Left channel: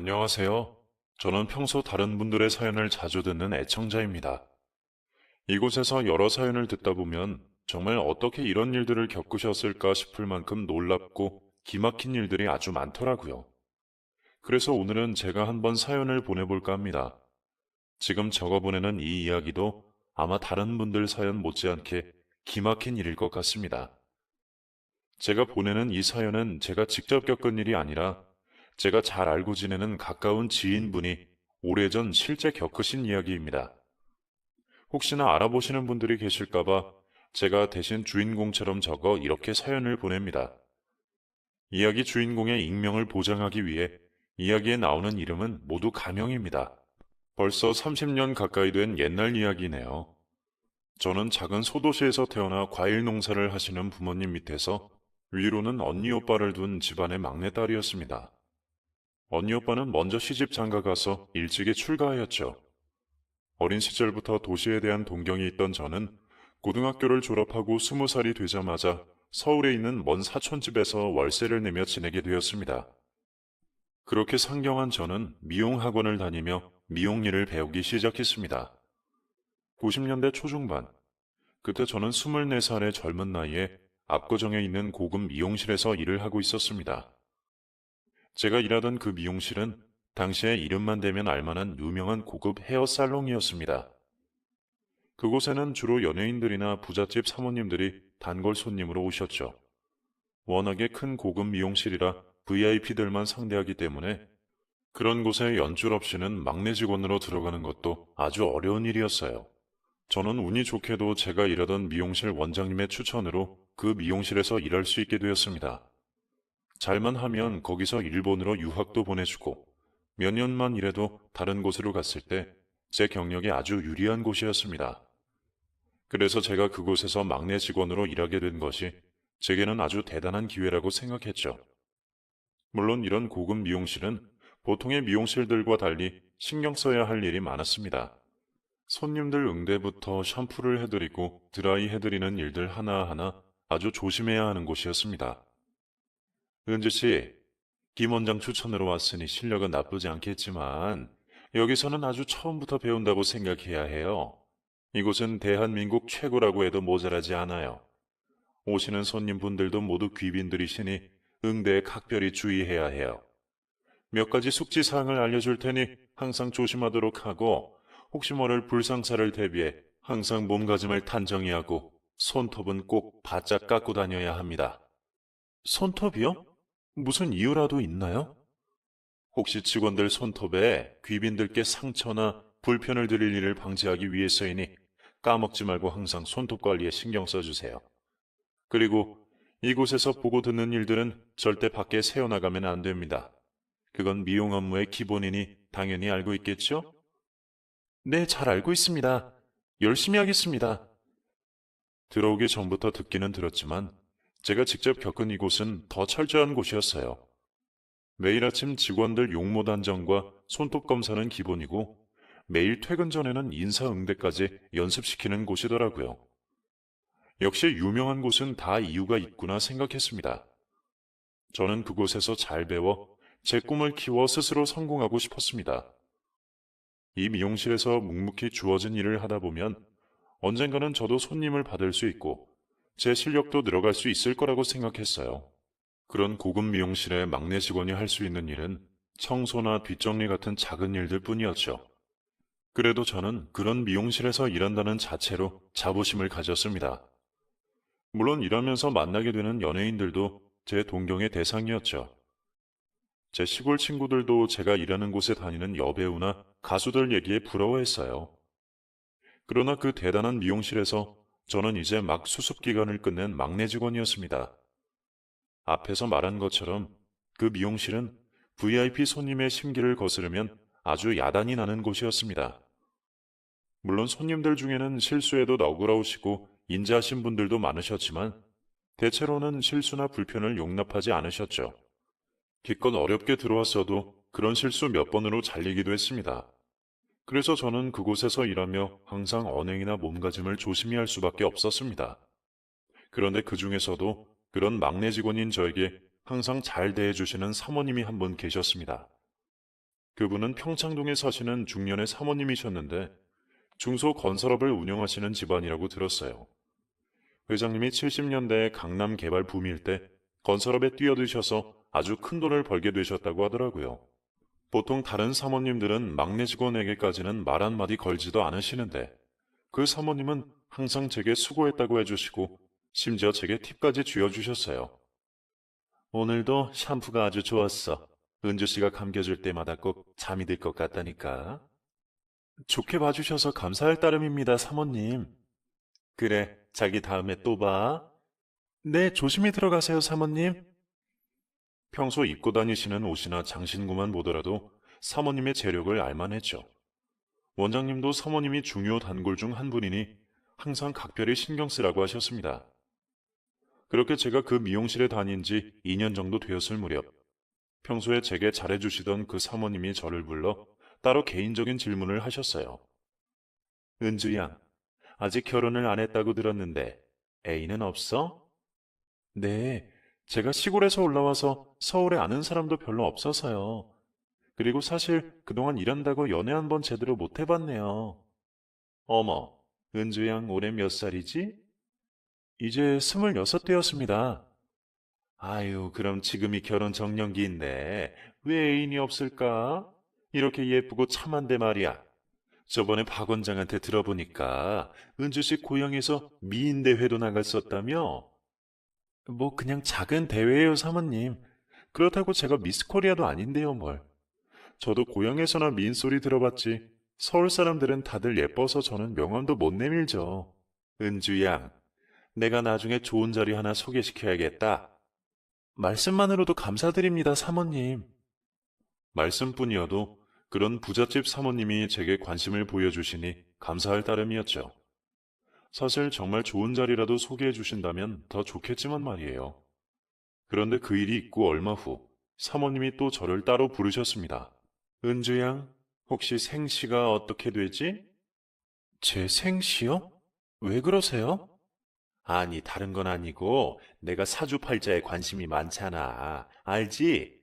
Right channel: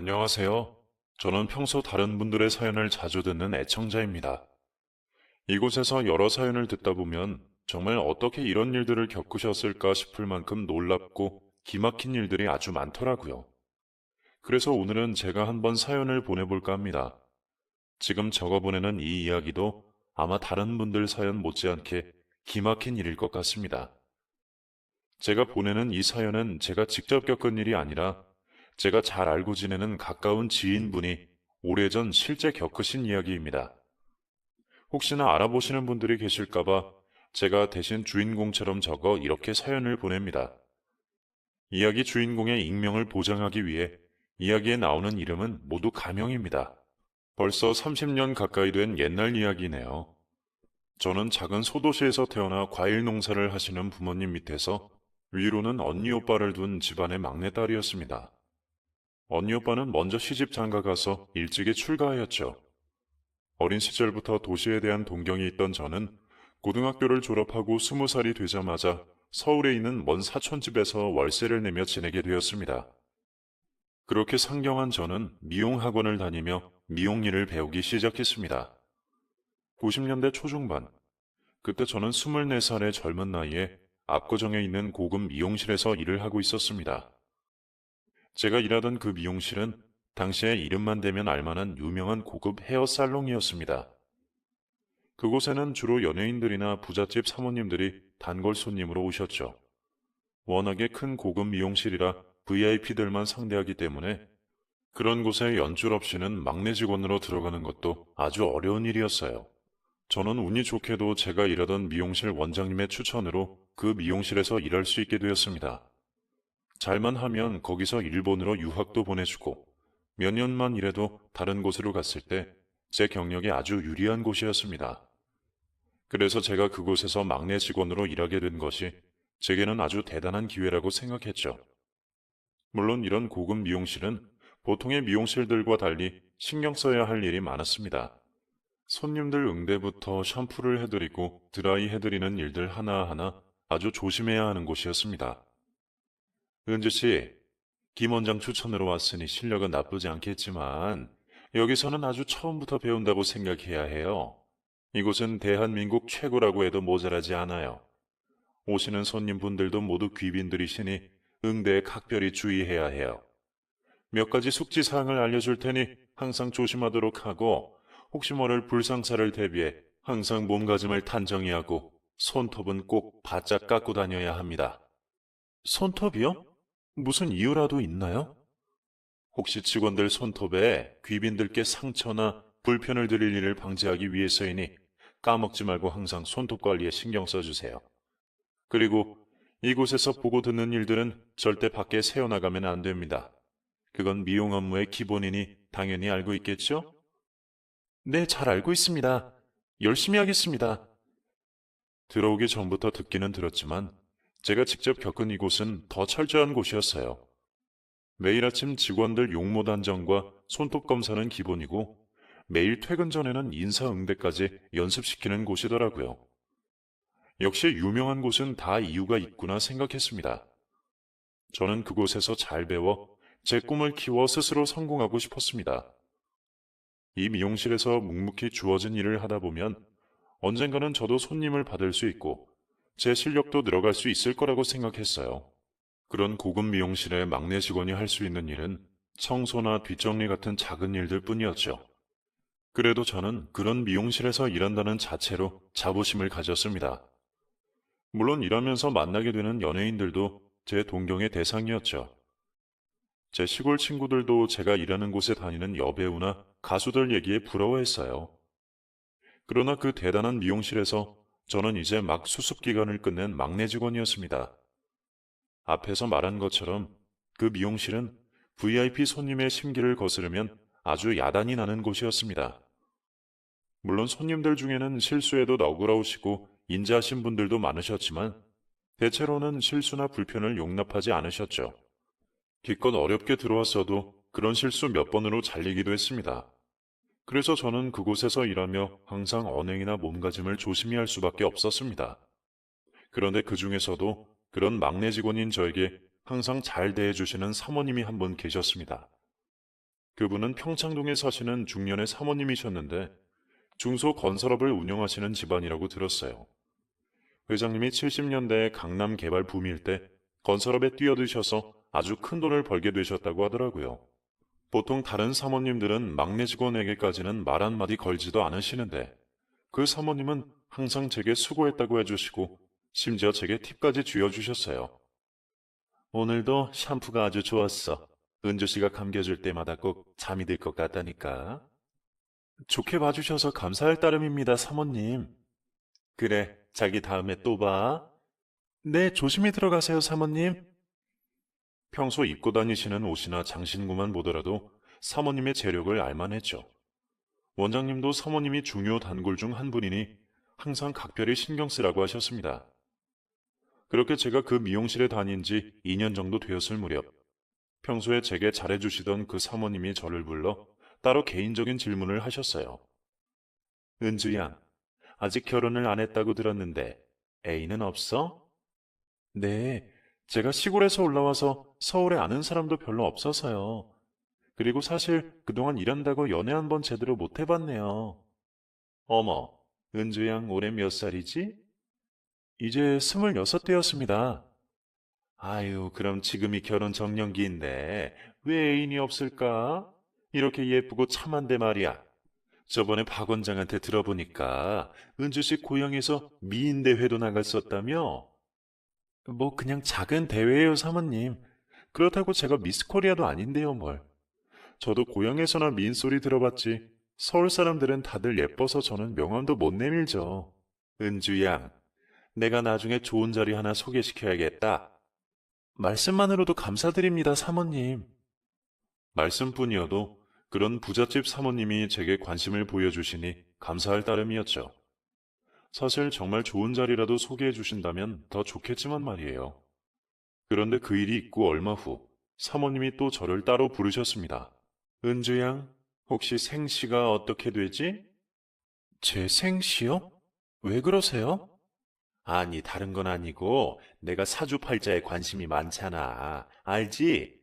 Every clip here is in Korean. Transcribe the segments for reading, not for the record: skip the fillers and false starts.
안녕하세요. 저는 평소 다른 분들의 사연을 자주 듣는 애청자입니다. 이곳에서 여러 사연을 듣다 보면 정말 어떻게 이런 일들을 겪으셨을까 싶을 만큼 놀랍고 기막힌 일들이 아주 많더라고요. 그래서 오늘은 제가 한번 사연을 보내볼까 합니다. 지금 적어 보내는 이 이야기도 아마 다른 분들 사연 못지않게 기막힌 일일 것 같습니다. 제가 보내는 이 사연은 제가 직접 겪은 일이 아니라 제가 잘 알고 지내는 가까운 지인분이 오래전 실제 겪으신 이야기입니다. 혹시나 알아보시는 분들이 계실까봐 제가 대신 주인공처럼 적어 이렇게 사연을 보냅니다. 이야기 주인공의 익명을 보장하기 위해 이야기에 나오는 이름은 모두 가명입니다. 벌써 30년 가까이 된 옛날 이야기네요. 저는 작은 소도시에서 태어나 과일 농사를 하시는 부모님 밑에서 위로는 언니 오빠를 둔 집안의 막내딸이었습니다. 언니 오빠는 먼저 시집 장가 가서 일찍이 출가하였죠. 어린 시절부터 도시에 대한 동경이 있던 저는 고등학교를 졸업하고 20살이 되자마자 서울에 있는 먼 사촌집에서 월세를 내며 지내게 되었습니다. 그렇게 상경한 저는 미용학원을 다니며 미용 일을 배우기 시작했습니다. 90년대 초중반, 그때 저는 24살의 젊은 나이에 압구정에 있는 고급 미용실에서 일을 하고 있었습니다. 제가 일하던 그 미용실은 당시에 이름만 대면 알만한 유명한 고급 헤어살롱이었습니다. 그곳에는 주로 연예인들이나 부잣집 사모님들이 단골 손님으로 오셨죠. 워낙에 큰 고급 미용실이라 VIP들만 상대하기 때문에 그런 곳에 연줄 없이는 막내 직원으로 들어가는 것도 아주 어려운 일이었어요. 저는 운이 좋게도 제가 일하던 미용실 원장님의 추천으로 그 미용실에서 일할 수 있게 되었습니다. 잘만 하면 거기서 일본으로 유학도 보내주고 몇 년만 일해도 다른 곳으로 갔을 때 제 경력에 아주 유리한 곳이었습니다. 그래서 제가 그곳에서 막내 직원으로 일하게 된 것이 제게는 아주 대단한 기회라고 생각했죠. 물론 이런 고급 미용실은 보통의 미용실들과 달리 신경 써야 할 일이 많았습니다. 손님들 응대부터 샴푸를 해드리고 드라이 해드리는 일들 하나하나 아주 조심해야 하는 곳이었습니다. 은지 씨, 김 원장 추천으로 왔으니 실력은 나쁘지 않겠지만 여기서는 아주 처음부터 배운다고 생각해야 해요. 이곳은 대한민국 최고라고 해도 모자라지 않아요. 오시는 손님분들도 모두 귀빈들이시니 응대에 각별히 주의해야 해요. 몇 가지 숙지사항을 알려줄 테니 항상 조심하도록 하고 혹시 모를 불상사를 대비해 항상 몸가짐을 단정히 하고 손톱은 꼭 바짝 깎고 다녀야 합니다. 손톱이요? 무슨 이유라도 있나요? 혹시 직원들 손톱에 귀빈들께 상처나 불편을 드릴 일을 방지하기 위해서이니 까먹지 말고 항상 손톱 관리에 신경 써주세요. 그리고 이곳에서 보고 듣는 일들은 절대 밖에 새어나가면 안 됩니다. 그건 미용 업무의 기본이니 당연히 알고 있겠죠? 네, 잘 알고 있습니다. 열심히 하겠습니다. 들어오기 전부터 듣기는 들었지만 제가 직접 겪은 이곳은 더 철저한 곳이었어요. 매일 아침 직원들 용모 단정과 손톱 검사는 기본이고 매일 퇴근 전에는 인사응대까지 연습시키는 곳이더라고요. 역시 유명한 곳은 다 이유가 있구나 생각했습니다. 저는 그곳에서 잘 배워 제 꿈을 키워 스스로 성공하고 싶었습니다. 이 미용실에서 묵묵히 주어진 일을 하다 보면 언젠가는 저도 손님을 받을 수 있고 제 실력도 늘어갈 수 있을 거라고 생각했어요. 그런 고급 미용실의 막내 직원이 할 수 있는 일은 청소나 뒷정리 같은 작은 일들 뿐이었죠. 그래도 저는 그런 미용실에서 일한다는 자체로 자부심을 가졌습니다. 물론 일하면서 만나게 되는 연예인들도 제 동경의 대상이었죠. 제 시골 친구들도 제가 일하는 곳에 다니는 여배우나 가수들 얘기에 부러워했어요. 그러나 그 대단한 미용실에서 저는 이제 막 수습 기간을 끝낸 막내 직원이었습니다. 앞에서 말한 것처럼 그 미용실은 VIP 손님의 심기를 거스르면 아주 야단이 나는 곳이었습니다. 물론 손님들 중에는 실수에도 너그러우시고 인자하신 분들도 많으셨지만 대체로는 실수나 불편을 용납하지 않으셨죠. 기껏 어렵게 들어왔어도 그런 실수 몇 번으로 잘리기도 했습니다. 그래서 저는 그곳에서 일하며 항상 언행이나 몸가짐을 조심히 할 수밖에 없었습니다. 그런데 그 중에서도 그런 막내 직원인 저에게 항상 잘 대해주시는 사모님이 한 분 계셨습니다. 그분은 평창동에 사시는 중년의 사모님이셨는데 중소건설업을 운영하시는 집안이라고 들었어요. 회장님이 70년대 강남 개발 붐일 때 건설업에 뛰어드셔서 아주 큰 돈을 벌게 되셨다고 하더라고요. 보통 다른 사모님들은 막내 직원에게까지는 말 한마디 걸지도 않으시는데 그 사모님은 항상 제게 수고했다고 해주시고 심지어 제게 팁까지 쥐어주셨어요. 오늘도 샴푸가 아주 좋았어. 은주 씨가 감겨줄 때마다 꼭 잠이 들 것 같다니까. 좋게 봐주셔서 감사할 따름입니다, 사모님. 그래, 자기 다음에 또 봐. 네, 조심히 들어가세요, 사모님. 평소 입고 다니시는 옷이나 장신구만 보더라도 사모님의 재력을 알만했죠. 원장님도 사모님이 중요 단골 중 한 분이니 항상 각별히 신경 쓰라고 하셨습니다. 그렇게 제가 그 미용실에 다닌 지 2년 정도 되었을 무렵, 평소에 제게 잘해주시던 그 사모님이 저를 불러 따로 개인적인 질문을 하셨어요. 은주양, 아직 결혼을 안 했다고 들었는데 애인은 없어? 네, 제가 시골에서 올라와서 서울에 아는 사람도 별로 없어서요. 그리고 사실 그동안 일한다고 연애 한 번 제대로 못 해봤네요. 어머, 은주양 올해 몇 살이지? 이제 26 되었습니다. 아유, 그럼 지금이 결혼 적령기인데 왜 애인이 없을까? 이렇게 예쁘고 참한데 말이야. 저번에 박 원장한테 들어보니까 은주씨 고향에서 미인대회도 나갔었다며? 뭐 그냥 작은 대회예요, 사모님. 그렇다고 제가 미스코리아도 아닌데요, 뭘. 저도 고향에서나 미인 소리 들어봤지. 서울 사람들은 다들 예뻐서 저는 명함도 못 내밀죠. 은주양, 내가 나중에 좋은 자리 하나 소개시켜야겠다. 말씀만으로도 감사드립니다, 사모님. 말씀뿐이어도 그런 부잣집 사모님이 제게 관심을 보여주시니 감사할 따름이었죠. 사실 정말 좋은 자리라도 소개해 주신다면 더 좋겠지만 말이에요. 그런데 그 일이 있고 얼마 후 사모님이 또 저를 따로 부르셨습니다. 은주양, 혹시 생시가 어떻게 되지? 제 생시요? 왜 그러세요? 아니, 다른 건 아니고 내가 사주팔자에 관심이 많잖아. 알지?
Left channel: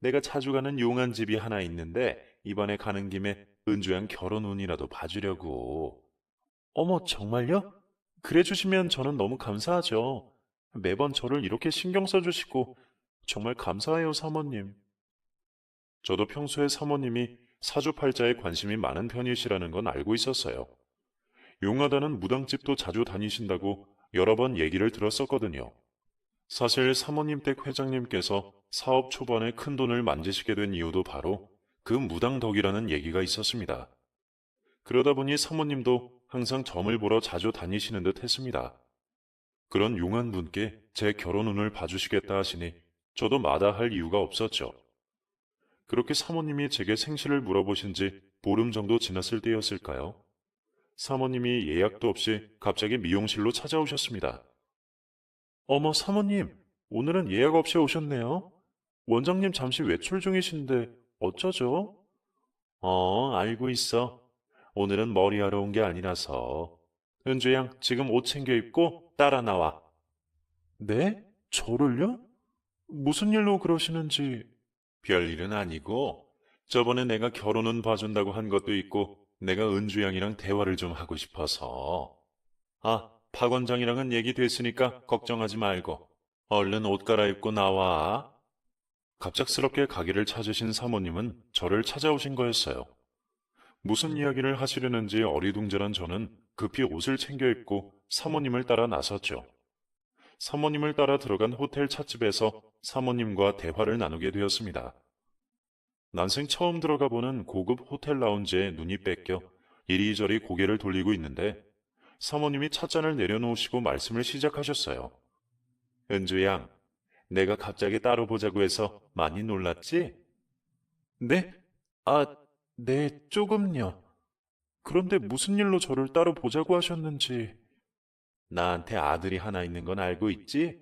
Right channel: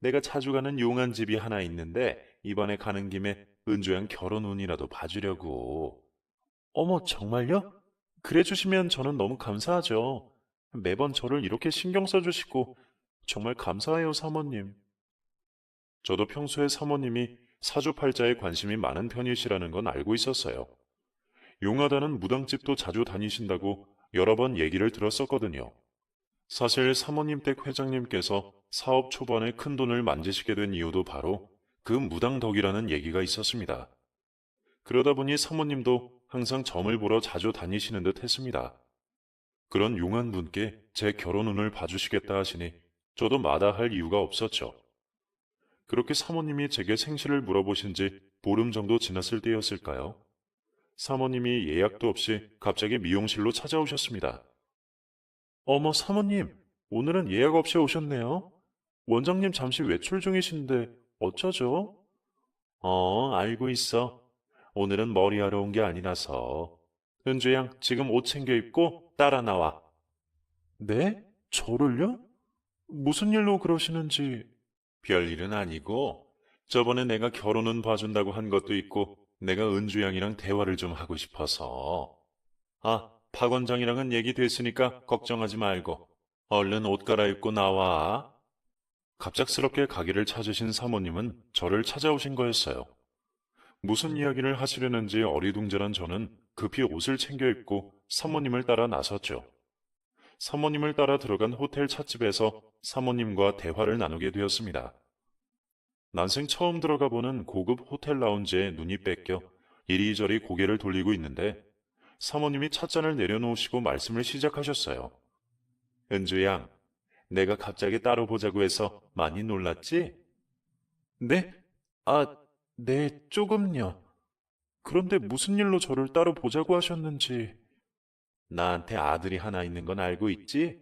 내가 자주 가는 용안집이 하나 있는데 이번에 가는 김에 은주양 결혼 운이라도 봐주려고. 어머, 정말요? 그래 주시면 저는 너무 감사하죠. 매번 저를 이렇게 신경 써주시고 정말 감사해요, 사모님. 저도 평소에 사모님이 사주팔자에 관심이 많은 편이시라는 건 알고 있었어요. 용하다는 무당집도 자주 다니신다고 여러 번 얘기를 들었었거든요. 사실 사모님 댁 회장님께서 사업 초반에 큰 돈을 만드시게 된 이유도 바로 그 무당 덕이라는 얘기가 있었습니다. 그러다 보니 사모님도 항상 점을 보러 자주 다니시는 듯 했습니다. 그런 용한 분께 제 결혼 운을 봐주시겠다 하시니 저도 마다할 이유가 없었죠. 그렇게 사모님이 제게 생신을 물어보신 지 보름 정도 지났을 때였을까요? 사모님이 예약도 없이 갑자기 미용실로 찾아오셨습니다. 어머, 사모님, 오늘은 예약 없이 오셨네요. 원장님 잠시 외출 중이신데 어쩌죠? 알고 있어. 오늘은 머리하러 온 게 아니라서. 은주양, 지금 옷 챙겨 입고 따라 나와. 네? 저를요? 무슨 일로 그러시는지. 별일은 아니고, 저번에 내가 결혼은 봐준다고 한 것도 있고, 내가 은주양이랑 대화를 좀 하고 싶어서. 아, 박 원장이랑은 얘기 됐으니까 걱정하지 말고, 얼른 옷 갈아입고 나와. 갑작스럽게 가게를 찾으신 사모님은 저를 찾아오신 거였어요. 무슨 이야기를 하시려는지 어리둥절한 저는 급히 옷을 챙겨 입고 사모님을 따라 나섰죠. 사모님을 따라 들어간 호텔 찻집에서 사모님과 대화를 나누게 되었습니다. 난생 처음 들어가 보는 고급 호텔 라운지에 눈이 뺏겨 이리저리 고개를 돌리고 있는데 사모님이 찻잔을 내려놓으시고 말씀을 시작하셨어요. 은주양, 내가 갑자기 따로 보자고 해서 많이 놀랐지? 네? 아, 네, 조금요. 그런데 무슨 일로 저를 따로 보자고 하셨는지. 나한테 아들이 하나 있는 건 알고 있지?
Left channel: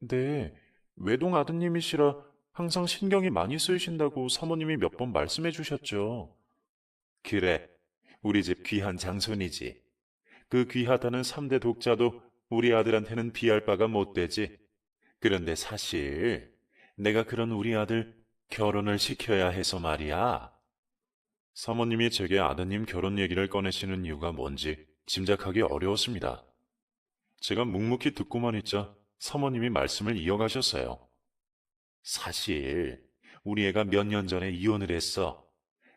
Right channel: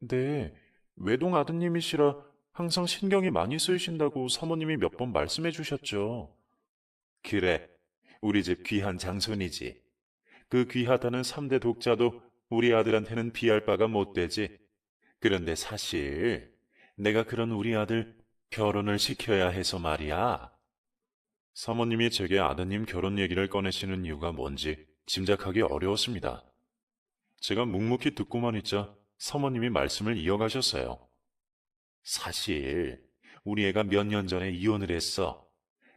네, 외동 아드님이시라 항상 신경이 많이 쓰이신다고 사모님이 몇 번 말씀해 주셨죠. 그래, 우리 집 귀한 장손이지. 그 귀하다는 3대 독자도 우리 아들한테는 비할 바가 못 되지. 그런데 사실 내가 그런 우리 아들 결혼을 시켜야 해서 말이야. 사모님이 제게 아드님 결혼 얘기를 꺼내시는 이유가 뭔지 짐작하기 어려웠습니다. 제가 묵묵히 듣고만 있자 사모님이 말씀을 이어가셨어요. 사실 우리 애가 몇 년 전에 이혼을 했어.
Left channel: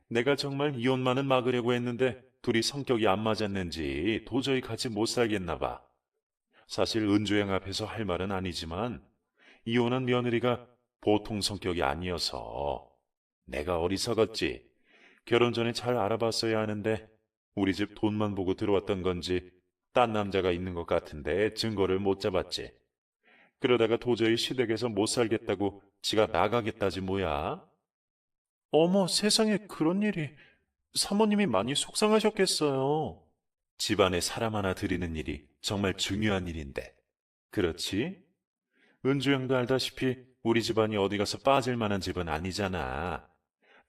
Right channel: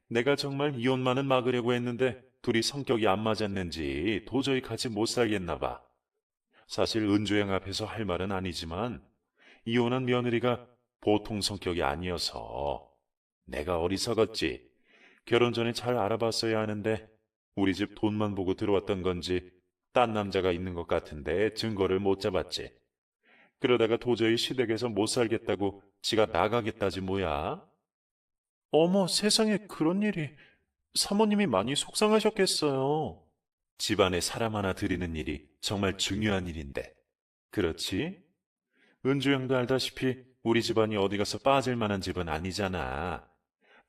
내가 정말 이혼만은 막으려고 했는데 둘이 성격이 안 맞았는지 도저히 같이 못 살겠나 봐. 사실 은주양 앞에서 할 말은 아니지만 이혼한 며느리가 보통 성격이 아니어서 내가 어리석었지. 결혼 전에 잘 알아봤어야 하는데 우리 집 돈만 보고 들어왔던 건지 딴 남자가 있는 것 같은데 증거를 못 잡았지. 그러다가 도저히 시댁에서 못 살겠다고 지가 나가겠다지 뭐야. 어머, 세상에 그런 일이. 사모님이 많이 속상하셨겠어요. 집안에 사람 하나 들이는 일이 정말 중요한 일인데. 그렇지? 은주 형도 알다시피 우리 집안이 어디 가서 빠질 만한 집은 아니잖아.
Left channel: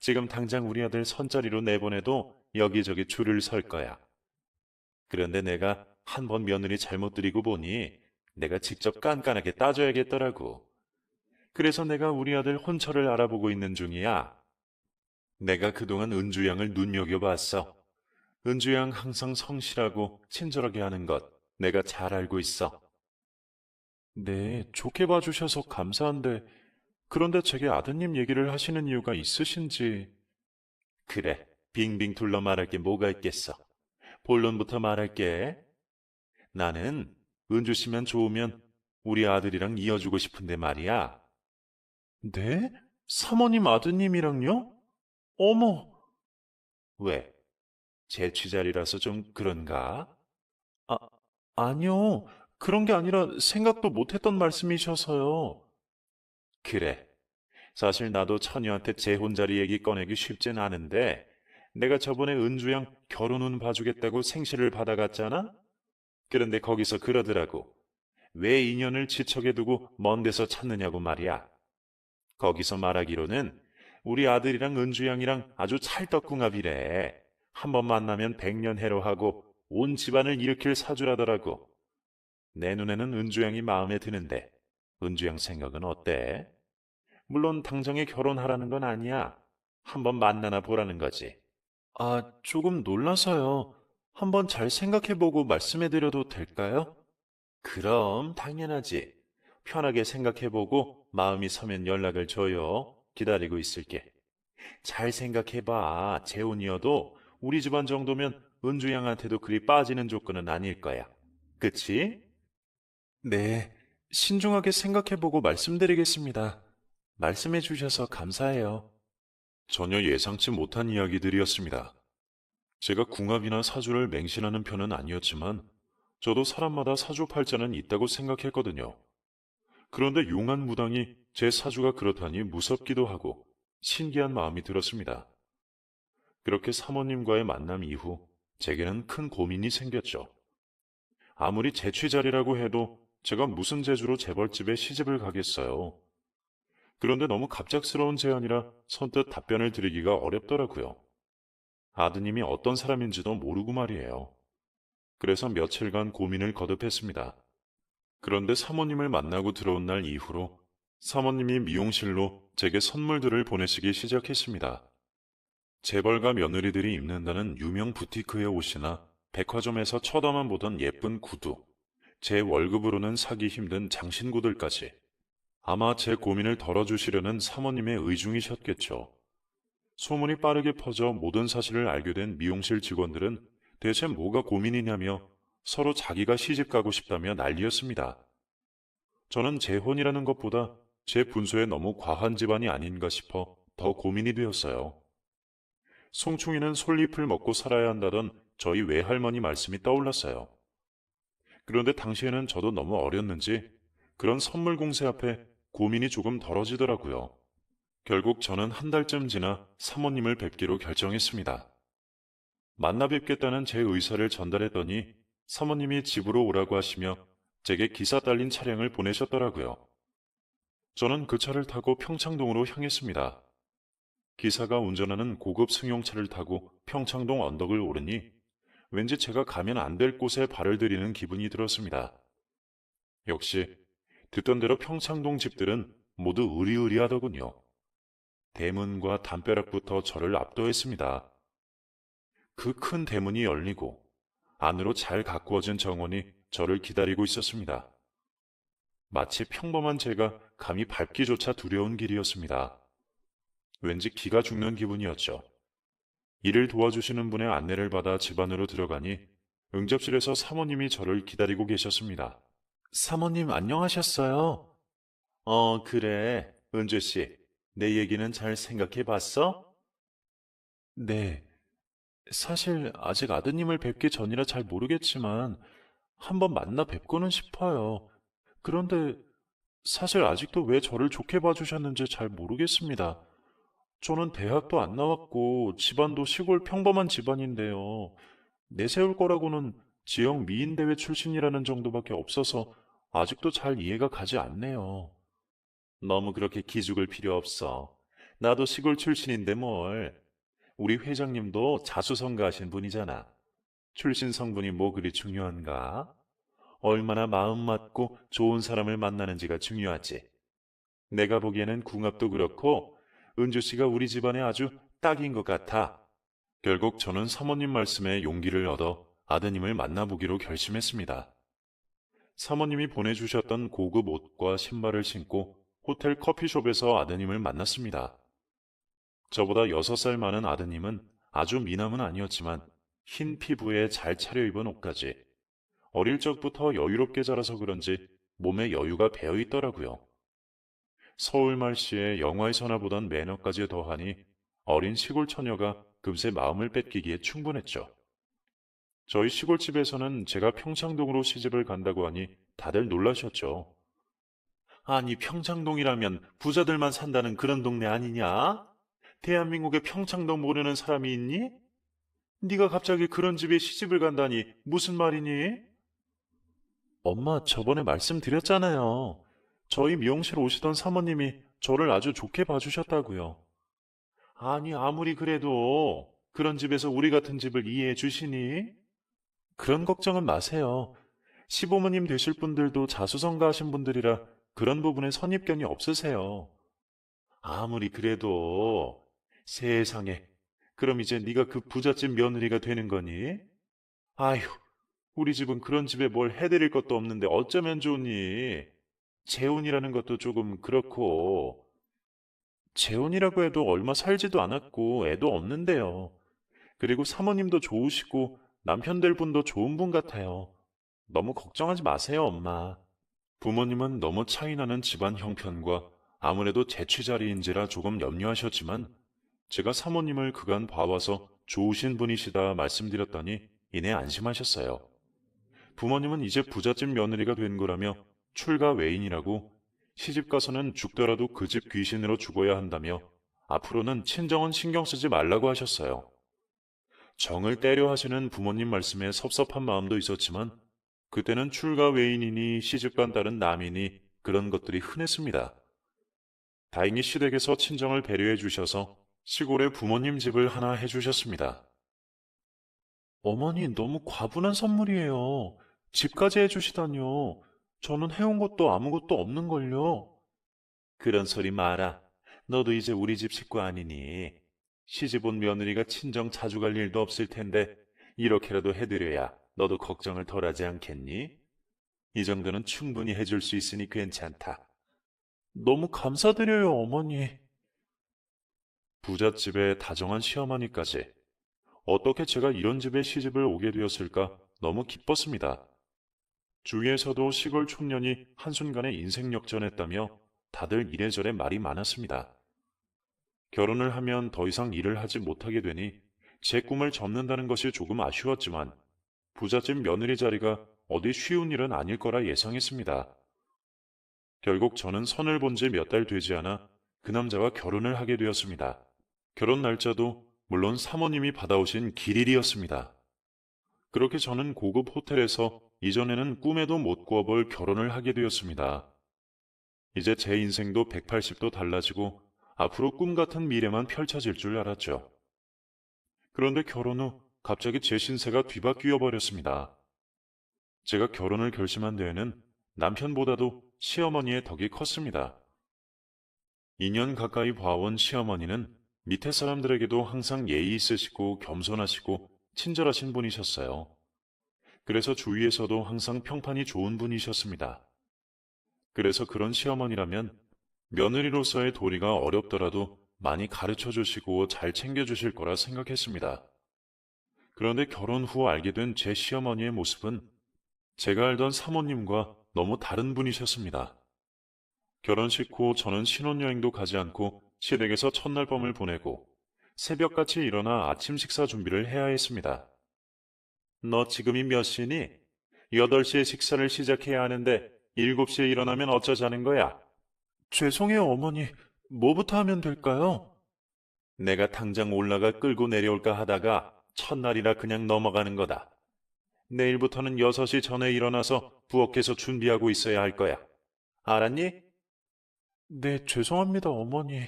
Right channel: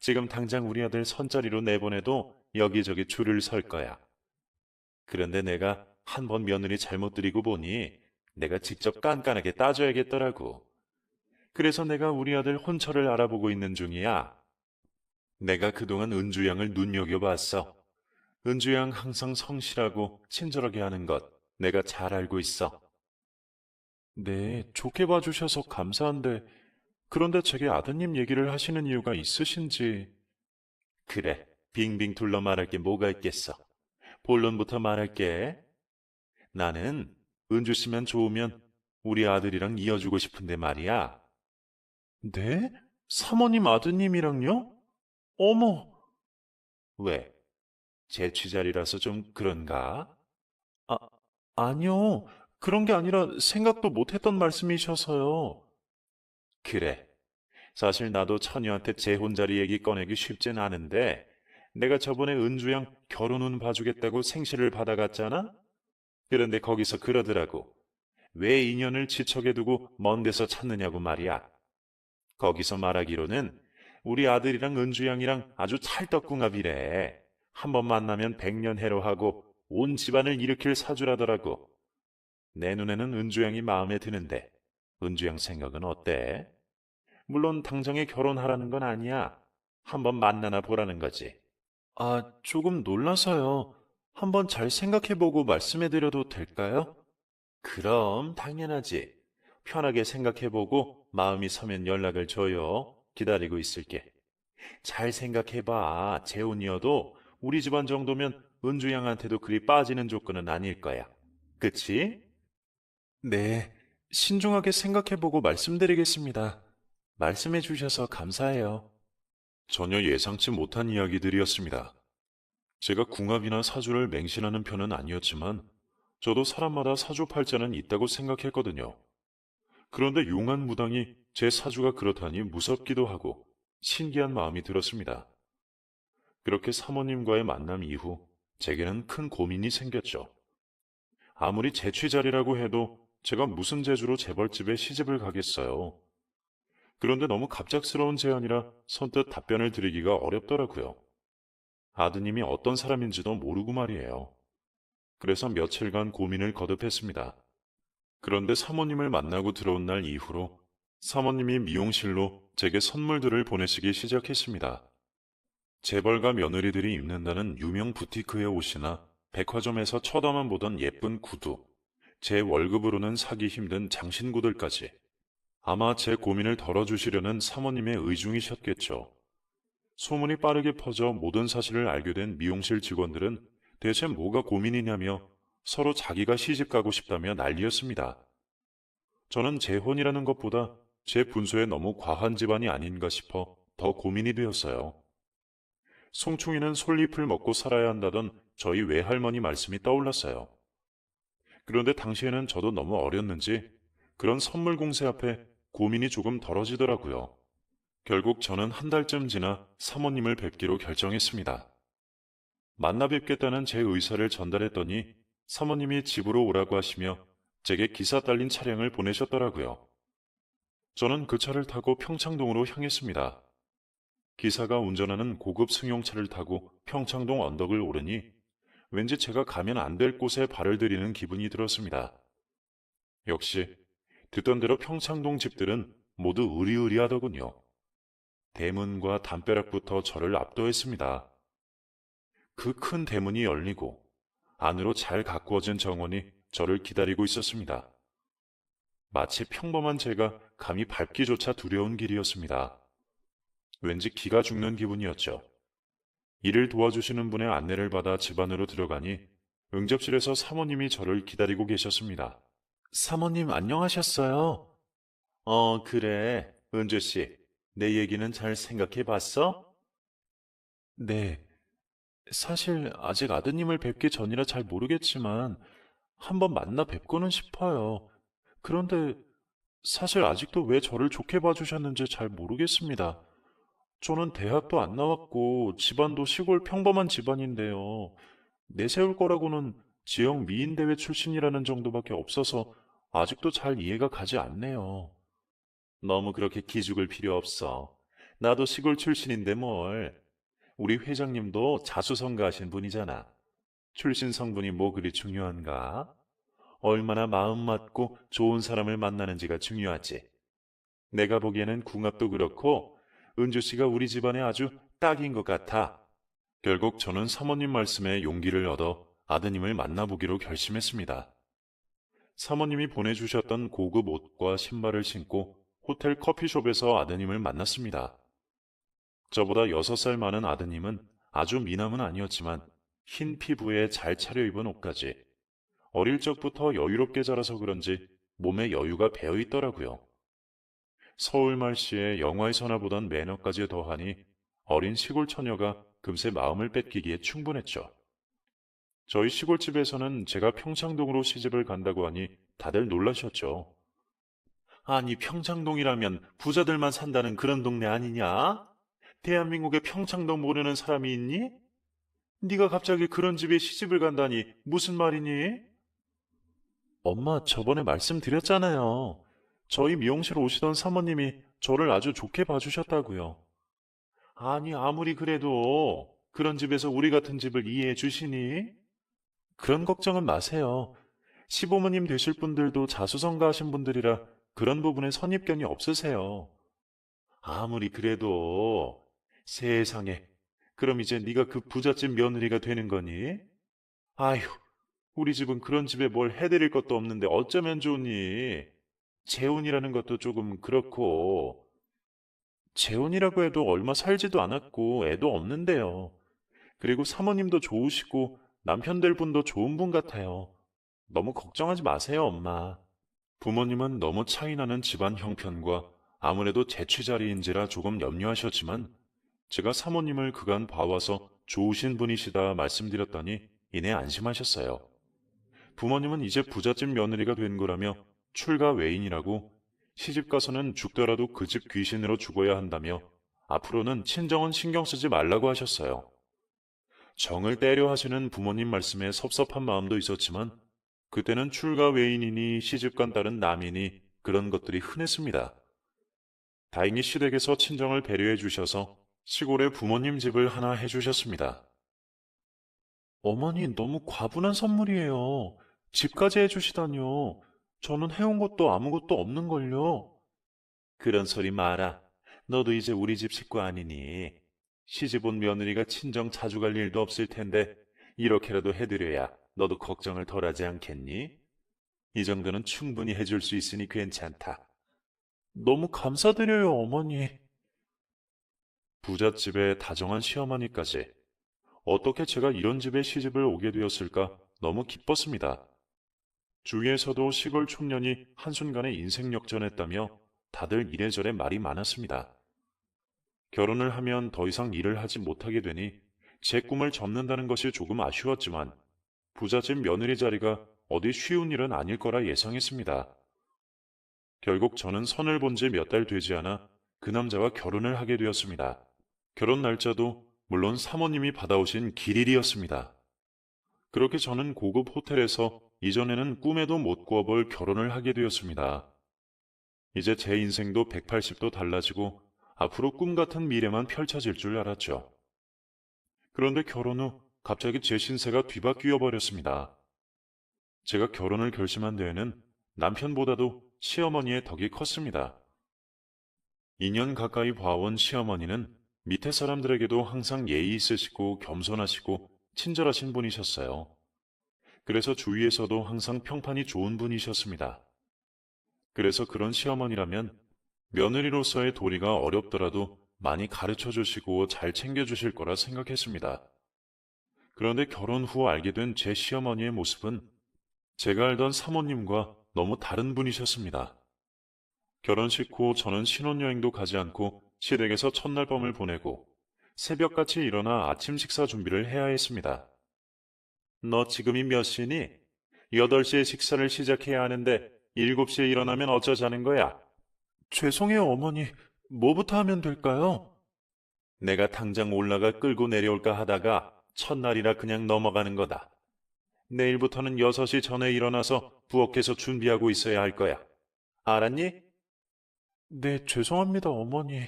지금 당장 우리 아들 선자리로 내보내도 여기저기 줄을 설 거야. 그런데 내가 한 번 며느리 잘못 들이고 보니 내가 직접 깐깐하게 따져야겠더라고. 그래서 내가 우리 아들 혼처를 알아보고 있는 중이야. 내가 그동안 은주양을 눈여겨봤어. 은주양 항상 성실하고 친절하게 하는 것 내가 잘 알고 있어. 네, 좋게 봐주셔서 감사한데 그런데 제게 아드님 얘기를 하시는 이유가 있으신지. 그래, 빙빙 둘러 말할 게 뭐가 있겠어. 본론부터 말할게. 나는 은주 씨만 좋으면 우리 아들이랑 이어주고 싶은데 말이야. 네? 사모님 아드님이랑요? 어머. 왜? 재취자리라서 좀 그런가? 아, 아니요. 그런 게 아니라 생각도 못했던 말씀이셔서요. 그래. 사실 나도 처녀한테 재혼 자리 얘기 꺼내기 쉽진 않은데 내가 저번에 은주양 결혼은 봐주겠다고 생시를 받아갔잖아? 그런데 거기서 그러더라고. 왜 인연을 지척에 두고 먼 데서 찾느냐고 말이야. 거기서 말하기로는 우리 아들이랑 은주양이랑 아주 찰떡궁합이래. 한 번 만나면 백년해로하고 온 집안을 일으킬 사주라더라고. 내 눈에는 은주양이 마음에 드는데 은주양 생각은 어때? 물론 당장에 결혼하라는 건 아니야. 한번 만나나 보라는 거지. 아, 조금 놀라서요. 한번 잘 생각해보고 말씀해드려도 될까요? 그럼 당연하지. 편하게 생각해보고 마음이 서면 연락을 줘요. 기다리고 있을게. 잘 생각해봐. 재혼이어도 우리 집안 정도면 은주 양한테도 그리 빠지는 조건은 아닐 거야. 그치? 네, 신중하게 생각해보고 말씀드리겠습니다. 말씀해주셔서 감사해요. 전혀 예상치 못한 이야기들이었습니다. 제가 궁합이나 사주를 맹신하는 편은 아니었지만 저도 사람마다 사주팔자는 있다고 생각했거든요. 그런데 용한 무당이 제 사주가 그렇다니 무섭기도 하고 신기한 마음이 들었습니다. 그렇게 사모님과의 만남 이후 제게는 큰 고민이 생겼죠. 아무리 재취자리라고 해도 제가 무슨 재주로 재벌집에 시집을 가겠어요. 그런데 너무 갑작스러운 제안이라 선뜻 답변을 드리기가 어렵더라고요. 아드님이 어떤 사람인지도 모르고 말이에요. 그래서 며칠간 고민을 거듭했습니다. 그런데 사모님을 만나고 들어온 날 이후로 사모님이 미용실로 제게 선물들을 보내시기 시작했습니다. 재벌가 며느리들이 입는다는 유명 부티크의 옷이나 백화점에서 쳐다만 보던 예쁜 구두, 제 월급으로는 사기 힘든 장신구들까지. 아마 제 고민을 덜어주시려는 사모님의 의중이셨겠죠. 소문이 빠르게 퍼져 모든 사실을 알게 된 미용실 직원들은 대체 뭐가 고민이냐며 서로 자기가 시집가고 싶다며 난리였습니다. 저는 재혼이라는 것보다 제 분수에 너무 과한 집안이 아닌가 싶어 더 고민이 되었어요. 송충이는 솔잎을 먹고 살아야 한다던 저희 외할머니 말씀이 떠올랐어요. 그런데 당시에는 저도 너무 어렸는지 그런 선물 공세 앞에 고민이 조금 덜어지더라고요. 결국 저는 한 달쯤 지나 사모님을 뵙기로 결정했습니다. 만나 뵙겠다는 제 의사를 전달했더니 사모님이 집으로 오라고 하시며 제게 기사 딸린 차량을 보내셨더라고요. 저는 그 차를 타고 평창동으로 향했습니다. 기사가 운전하는 고급 승용차를 타고 평창동 언덕을 오르니 왠지 제가 가면 안 될 곳에 발을 들이는 기분이 들었습니다. 역시 듣던 대로 평창동 집들은 모두 으리으리하더군요. 대문과 담벼락부터 저를 압도했습니다. 그 큰 대문이 열리고 안으로 잘 가꾸어진 정원이 저를 기다리고 있었습니다. 마치 평범한 제가 감히 밟기조차 두려운 길이었습니다. 왠지 기가 죽는 기분이었죠. 일을 도와주시는 분의 안내를 받아 집 안으로 들어가니 응접실에서 사모님이 저를 기다리고 계셨습니다. 사모님 안녕하셨어요? 그래. 은주 씨, 내 얘기는 잘 생각해 봤어? 네. 사실 아직 아드님을 뵙기 전이라 잘 모르겠지만 한번 만나 뵙고는 싶어요. 그런데 사실 아직도 왜 저를 좋게 봐주셨는지 잘 모르겠습니다. 저는 대학도 안 나왔고 집안도 시골 평범한 집안인데요. 내세울 거라고는 지역 미인대회 출신이라는 정도밖에 없어서 아직도 잘 이해가 가지 않네요. 너무 그렇게 기죽을 필요 없어. 나도 시골 출신인데 뭘. 우리 회장님도 자수성가하신 분이잖아. 출신 성분이 뭐 그리 중요한가? 얼마나 마음 맞고 좋은 사람을 만나는지가 중요하지. 내가 보기에는 궁합도 그렇고 은주 씨가 우리 집안에 아주 딱인 것 같아. 결국 저는 사모님 말씀에 용기를 얻어 아드님을 만나보기로 결심했습니다. 사모님이 보내주셨던 고급 옷과 신발을 신고 호텔 커피숍에서 아드님을 만났습니다. 저보다 6살 많은 아드님은 아주 미남은 아니었지만 흰 피부에 잘 차려입은 옷까지 어릴 적부터 여유롭게 자라서 그런지 몸에 여유가 배어 있더라고요. 서울 말씨에 영화에서나 보던 매너까지 더하니 어린 시골 처녀가 금세 마음을 뺏기기에 충분했죠. 저희 시골집에서는 제가 평창동으로 시집을 간다고 하니 다들 놀라셨죠. 아니, 평창동이라면 부자들만 산다는 그런 동네 아니냐? 대한민국에 평창동 모르는 사람이 있니? 네가 갑자기 그런 집에 시집을 간다니 무슨 말이니? 엄마, 저번에 말씀드렸잖아요. 저희 미용실 오시던 사모님이 저를 아주 좋게 봐주셨다고요. 아니, 아무리 그래도 그런 집에서 우리 같은 집을 이해해 주시니? 그런 걱정은 마세요. 시부모님 되실 분들도 자수성가하신 분들이라 그런 부분에 선입견이 없으세요. 아무리 그래도 세상에, 그럼 이제 네가 그 부잣집 며느리가 되는 거니? 아휴, 우리 집은 그런 집에 뭘 해드릴 것도 없는데 어쩌면 좋니? 재혼이라는 것도 조금 그렇고. 재혼이라고 해도 얼마 살지도 않았고 애도 없는데요. 그리고 사모님도 좋으시고 남편 될 분도 좋은 분 같아요. 너무 걱정하지 마세요, 엄마. 부모님은 너무 차이나는 집안 형편과 아무래도 재취자리인지라 조금 염려하셨지만 제가 사모님을 그간 봐와서 좋으신 분이시다 말씀드렸더니 이내 안심하셨어요. 부모님은 이제 부잣집 며느리가 된 거라며 출가 외인이라고 시집가서는 죽더라도 그 집 귀신으로 죽어야 한다며 앞으로는 친정은 신경 쓰지 말라고 하셨어요. 정을 때려 하시는 부모님 말씀에 섭섭한 마음도 있었지만 그때는 출가 외인이니 시집간 딸은 남이니 그런 것들이 흔했습니다. 다행히 시댁에서 친정을 배려해 주셔서 시골에 부모님 집을 하나 해주셨습니다. 어머니 너무 과분한 선물이에요. 집까지 해주시다뇨. 저는 해온 것도 아무것도 없는걸요. 그런 소리 마라. 너도 이제 우리 집 식구 아니니. 시집 온 며느리가 친정 자주 갈 일도 없을 텐데 이렇게라도 해드려야 너도 걱정을 덜하지 않겠니? 이 정도는 충분히 해줄 수 있으니 괜찮다. 너무 감사드려요, 어머니. 부잣집에 다정한 시어머니까지. 어떻게 제가 이런 집에 시집을 오게 되었을까 너무 기뻤습니다. 주위에서도 시골 촌년이 한순간에 인생 역전했다며 다들 이래저래 말이 많았습니다. 결혼을 하면 더 이상 일을 하지 못하게 되니 제 꿈을 접는다는 것이 조금 아쉬웠지만 부잣집 며느리 자리가 어디 쉬운 일은 아닐 거라 예상했습니다. 결국 저는 선을 본 지 몇 달 되지 않아 그 남자와 결혼을 하게 되었습니다. 결혼 날짜도 물론 사모님이 받아오신 길일이었습니다. 그렇게 저는 고급 호텔에서 이전에는 꿈에도 못 꾸어볼 결혼을 하게 되었습니다. 이제 제 인생도 180도 달라지고 앞으로 꿈 같은 미래만 펼쳐질 줄 알았죠. 그런데 결혼 후 갑자기 제 신세가 뒤바뀌어 버렸습니다. 제가 결혼을 결심한 데에는 남편보다도 시어머니의 덕이 컸습니다. 2년 가까이 봐온 시어머니는 밑에 사람들에게도 항상 예의 있으시고 겸손하시고 친절하신 분이셨어요. 그래서 주위에서도 항상 평판이 좋은 분이셨습니다. 그래서 그런 시어머니라면 며느리로서의 도리가 어렵더라도 많이 가르쳐 주시고 잘 챙겨 주실 거라 생각했습니다. 그런데 결혼 후 알게 된 제 시어머니의 모습은 제가 알던 사모님과 너무 다른 분이셨습니다. 결혼식 후 저는 신혼여행도 가지 않고 시댁에서 첫날 밤을 보내고 새벽같이 일어나 아침 식사 준비를 해야 했습니다. 너 지금이 몇 시니? 8시에 식사를 시작해야 하는데 7시에 일어나면 어쩌자는 거야? 죄송해요, 어머니. 뭐부터 하면 될까요? 내가 당장 올라가 끌고 내려올까 하다가 첫날이라 그냥 넘어가는 거다. 내일부터는 6시 전에 일어나서 부엌에서 준비하고 있어야 할 거야. 알았니? 네, 죄송합니다, 어머니.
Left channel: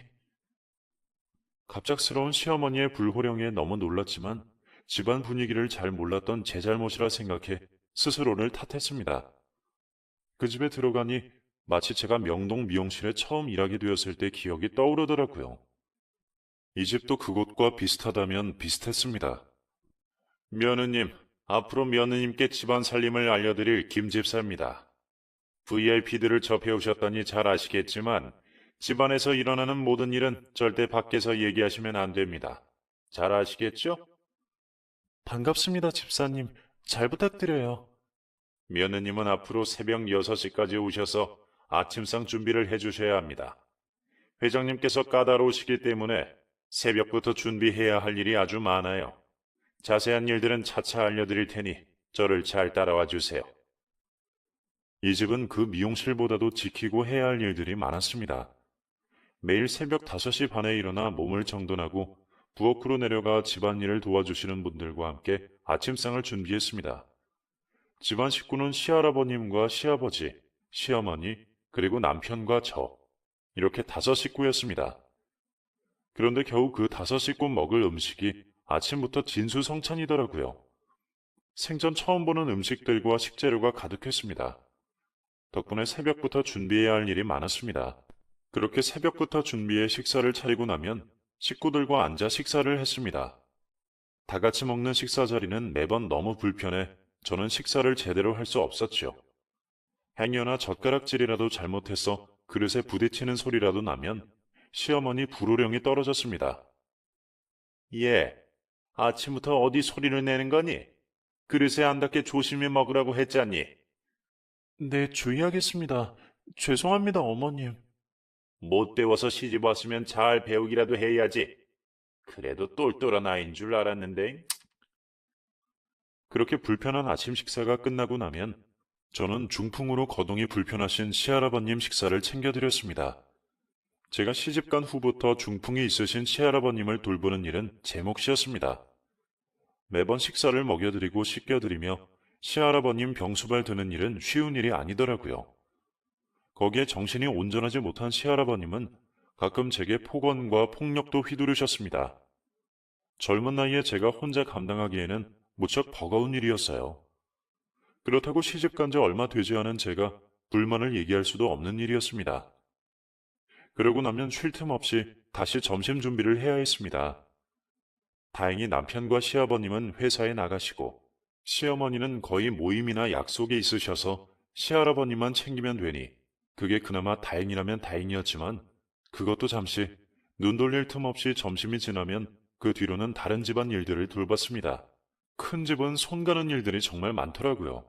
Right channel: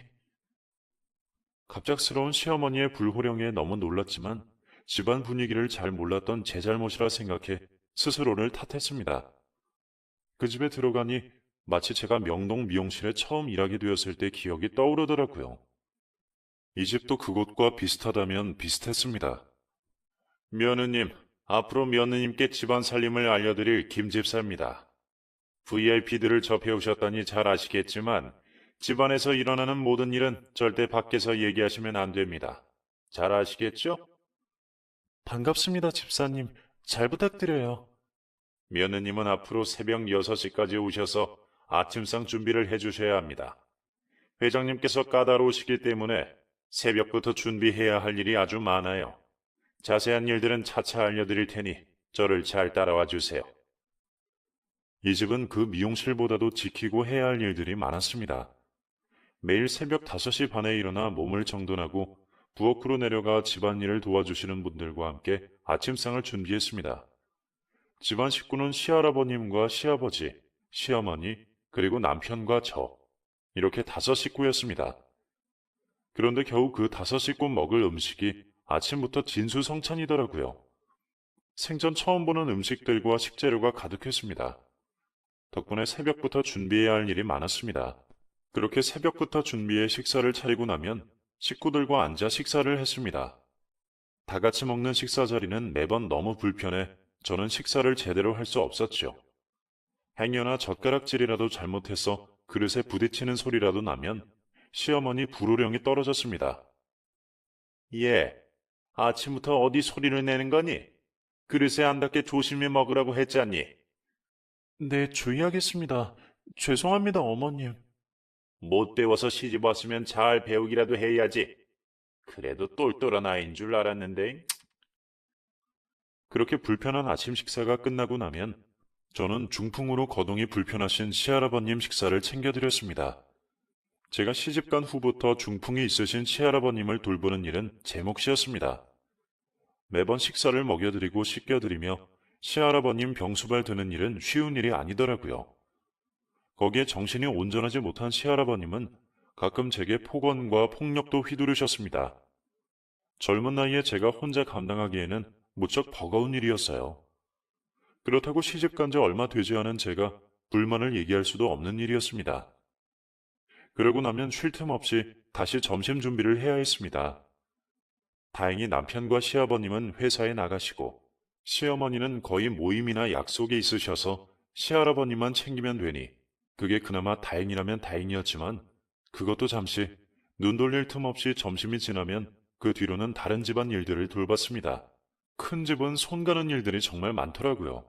갑작스러운 시어머니의 불호령에 너무 놀랐지만 집안 분위기를 잘 몰랐던 제 잘못이라 생각해 스스로를 탓했습니다. 그 집에 들어가니 마치 제가 명동 미용실에 처음 일하게 되었을 때 기억이 떠오르더라고요. 이 집도 그곳과 비슷하다면 비슷했습니다. 며느님, 앞으로 며느님께 집안 살림을 알려드릴 김 집사입니다. VIP들을 접해오셨다니 잘 아시겠지만 집안에서 일어나는 모든 일은 절대 밖에서 얘기하시면 안 됩니다. 잘 아시겠죠? 반갑습니다, 집사님. 잘 부탁드려요. 며느님은 앞으로 새벽 6시까지 오셔서 아침상 준비를 해주셔야 합니다. 회장님께서 까다로우시기 때문에 새벽부터 준비해야 할 일이 아주 많아요. 자세한 일들은 차차 알려드릴 테니 저를 잘 따라와 주세요. 이 집은 그 미용실보다도 지키고 해야 할 일들이 많았습니다. 매일 새벽 5시 반에 일어나 몸을 정돈하고 부엌으로 내려가 집안일을 도와주시는 분들과 함께 아침상을 준비했습니다. 집안 식구는 시할아버님과 시아버지, 시어머니, 그리고 남편과 저, 이렇게 5식구였습니다. 그런데 겨우 그 5식구 먹을 음식이 아침부터 진수성찬이더라고요. 생전 처음 보는 음식들과 식재료가 가득했습니다. 덕분에 새벽부터 준비해야 할 일이 많았습니다. 그렇게 새벽부터 준비해 식사를 차리고 나면 식구들과 앉아 식사를 했습니다. 다 같이 먹는 식사 자리는 매번 너무 불편해 저는 식사를 제대로 할 수 없었죠. 행여나 젓가락질이라도 잘못해서 그릇에 부딪히는 소리라도 나면 시어머니 불호령이 떨어졌습니다. 예, 아침부터 어디 소리를 내는 거니? 그릇에 안 닿게 조심히 먹으라고 했잖니? 네, 주의하겠습니다. 죄송합니다, 어머님. 못 배워서 시집 왔으면 잘 배우기라도 해야지. 그래도 똘똘한 아이인 줄 알았는데. 그렇게 불편한 아침 식사가 끝나고 나면 저는 중풍으로 거동이 불편하신 시할아버님 식사를 챙겨드렸습니다. 제가 시집간 후부터 중풍이 있으신 시할아버님을 돌보는 일은 제 몫이었습니다. 매번 식사를 먹여드리고 씻겨드리며 시할아버님 병수발 드는 일은 쉬운 일이 아니더라고요. 거기에 정신이 온전하지 못한 시할아버님은 가끔 제게 폭언과 폭력도 휘두르셨습니다. 젊은 나이에 제가 혼자 감당하기에는 무척 버거운 일이었어요. 그렇다고 시집간 지 얼마 되지 않은 제가 불만을 얘기할 수도 없는 일이었습니다. 그러고 나면 쉴 틈 없이 다시 점심 준비를 해야 했습니다. 다행히 남편과 시아버님은 회사에 나가시고 시어머니는 거의 모임이나 약속이 있으셔서 시할아버님만 챙기면 되니 그게 그나마 다행이라면 다행이었지만 그것도 잠시 눈 돌릴 틈 없이 점심이 지나면 그 뒤로는 다른 집안 일들을 돌봤습니다. 큰 집은 손 가는 일들이 정말 많더라고요.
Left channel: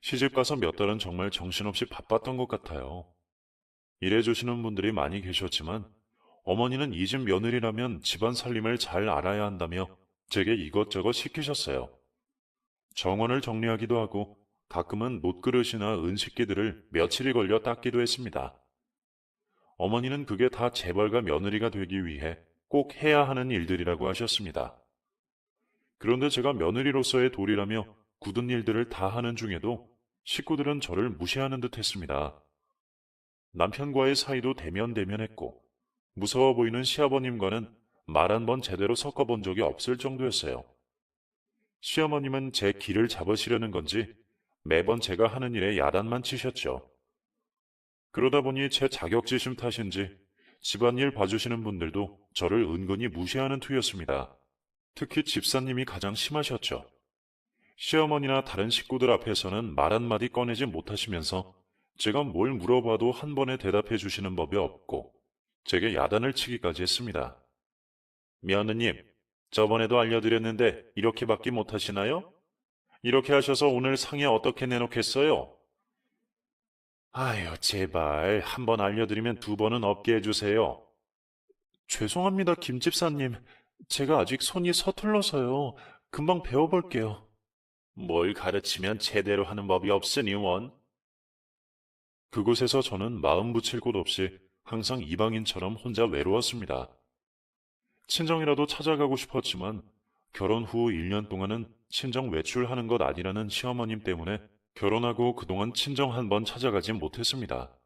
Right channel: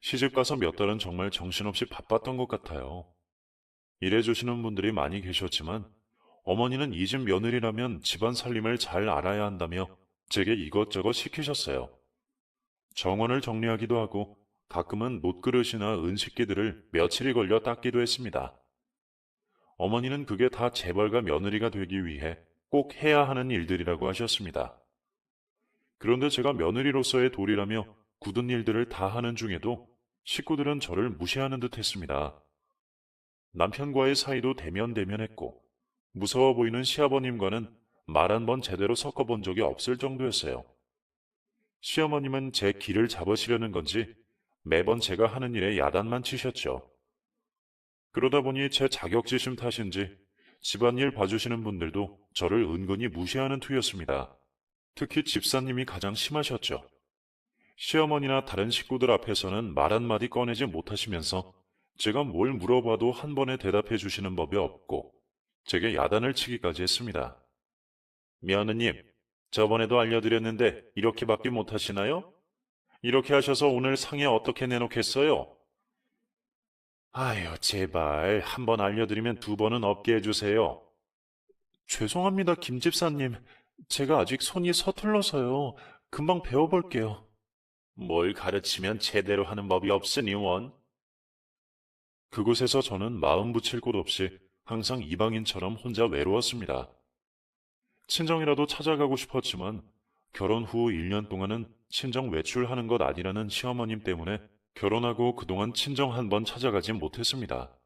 시집가서 몇 달은 정말 정신없이 바빴던 것 같아요. 일해주시는 분들이 많이 계셨지만 어머니는 이 집 며느리라면 집안 살림을 잘 알아야 한다며 제게 이것저것 시키셨어요. 정원을 정리하기도 하고 가끔은 못그릇이나 은식기들을 며칠이 걸려 닦기도 했습니다. 어머니는 그게 다 재벌가 며느리가 되기 위해 꼭 해야 하는 일들이라고 하셨습니다. 그런데 제가 며느리로서의 도리라며 굳은 일들을 다 하는 중에도 식구들은 저를 무시하는 듯 했습니다. 남편과의 사이도 대면대면했고 무서워 보이는 시아버님과는 말 한 번 제대로 섞어본 적이 없을 정도였어요. 시어머님은 제 길을 잡으시려는 건지 매번 제가 하는 일에 야단만 치셨죠. 그러다 보니 제 자격지심 탓인지 집안일 봐주시는 분들도 저를 은근히 무시하는 투였습니다. 특히 집사님이 가장 심하셨죠. 시어머니나 다른 식구들 앞에서는 말 한마디 꺼내지 못하시면서 제가 뭘 물어봐도 한 번에 대답해 주시는 법이 없고 제게 야단을 치기까지 했습니다. 며느님, 저번에도 알려드렸는데 이렇게밖에 못하시나요? 이렇게 하셔서 오늘 상에 어떻게 내놓겠어요? 아유, 제발 한 번 알려드리면 두 번은 없게 해주세요. 죄송합니다, 김 집사님. 제가 아직 손이 서툴러서요. 금방 배워볼게요. 뭘 가르치면 제대로 하는 법이 없으니 원. 그곳에서 저는 마음 붙일 곳 없이 항상 이방인처럼 혼자 외로웠습니다. 친정이라도 찾아가고 싶었지만 결혼 후 1년 동안은 친정 외출하는 것 아니라는 시어머님 때문에 결혼하고 그동안 친정 한 번 찾아가지 못했습니다.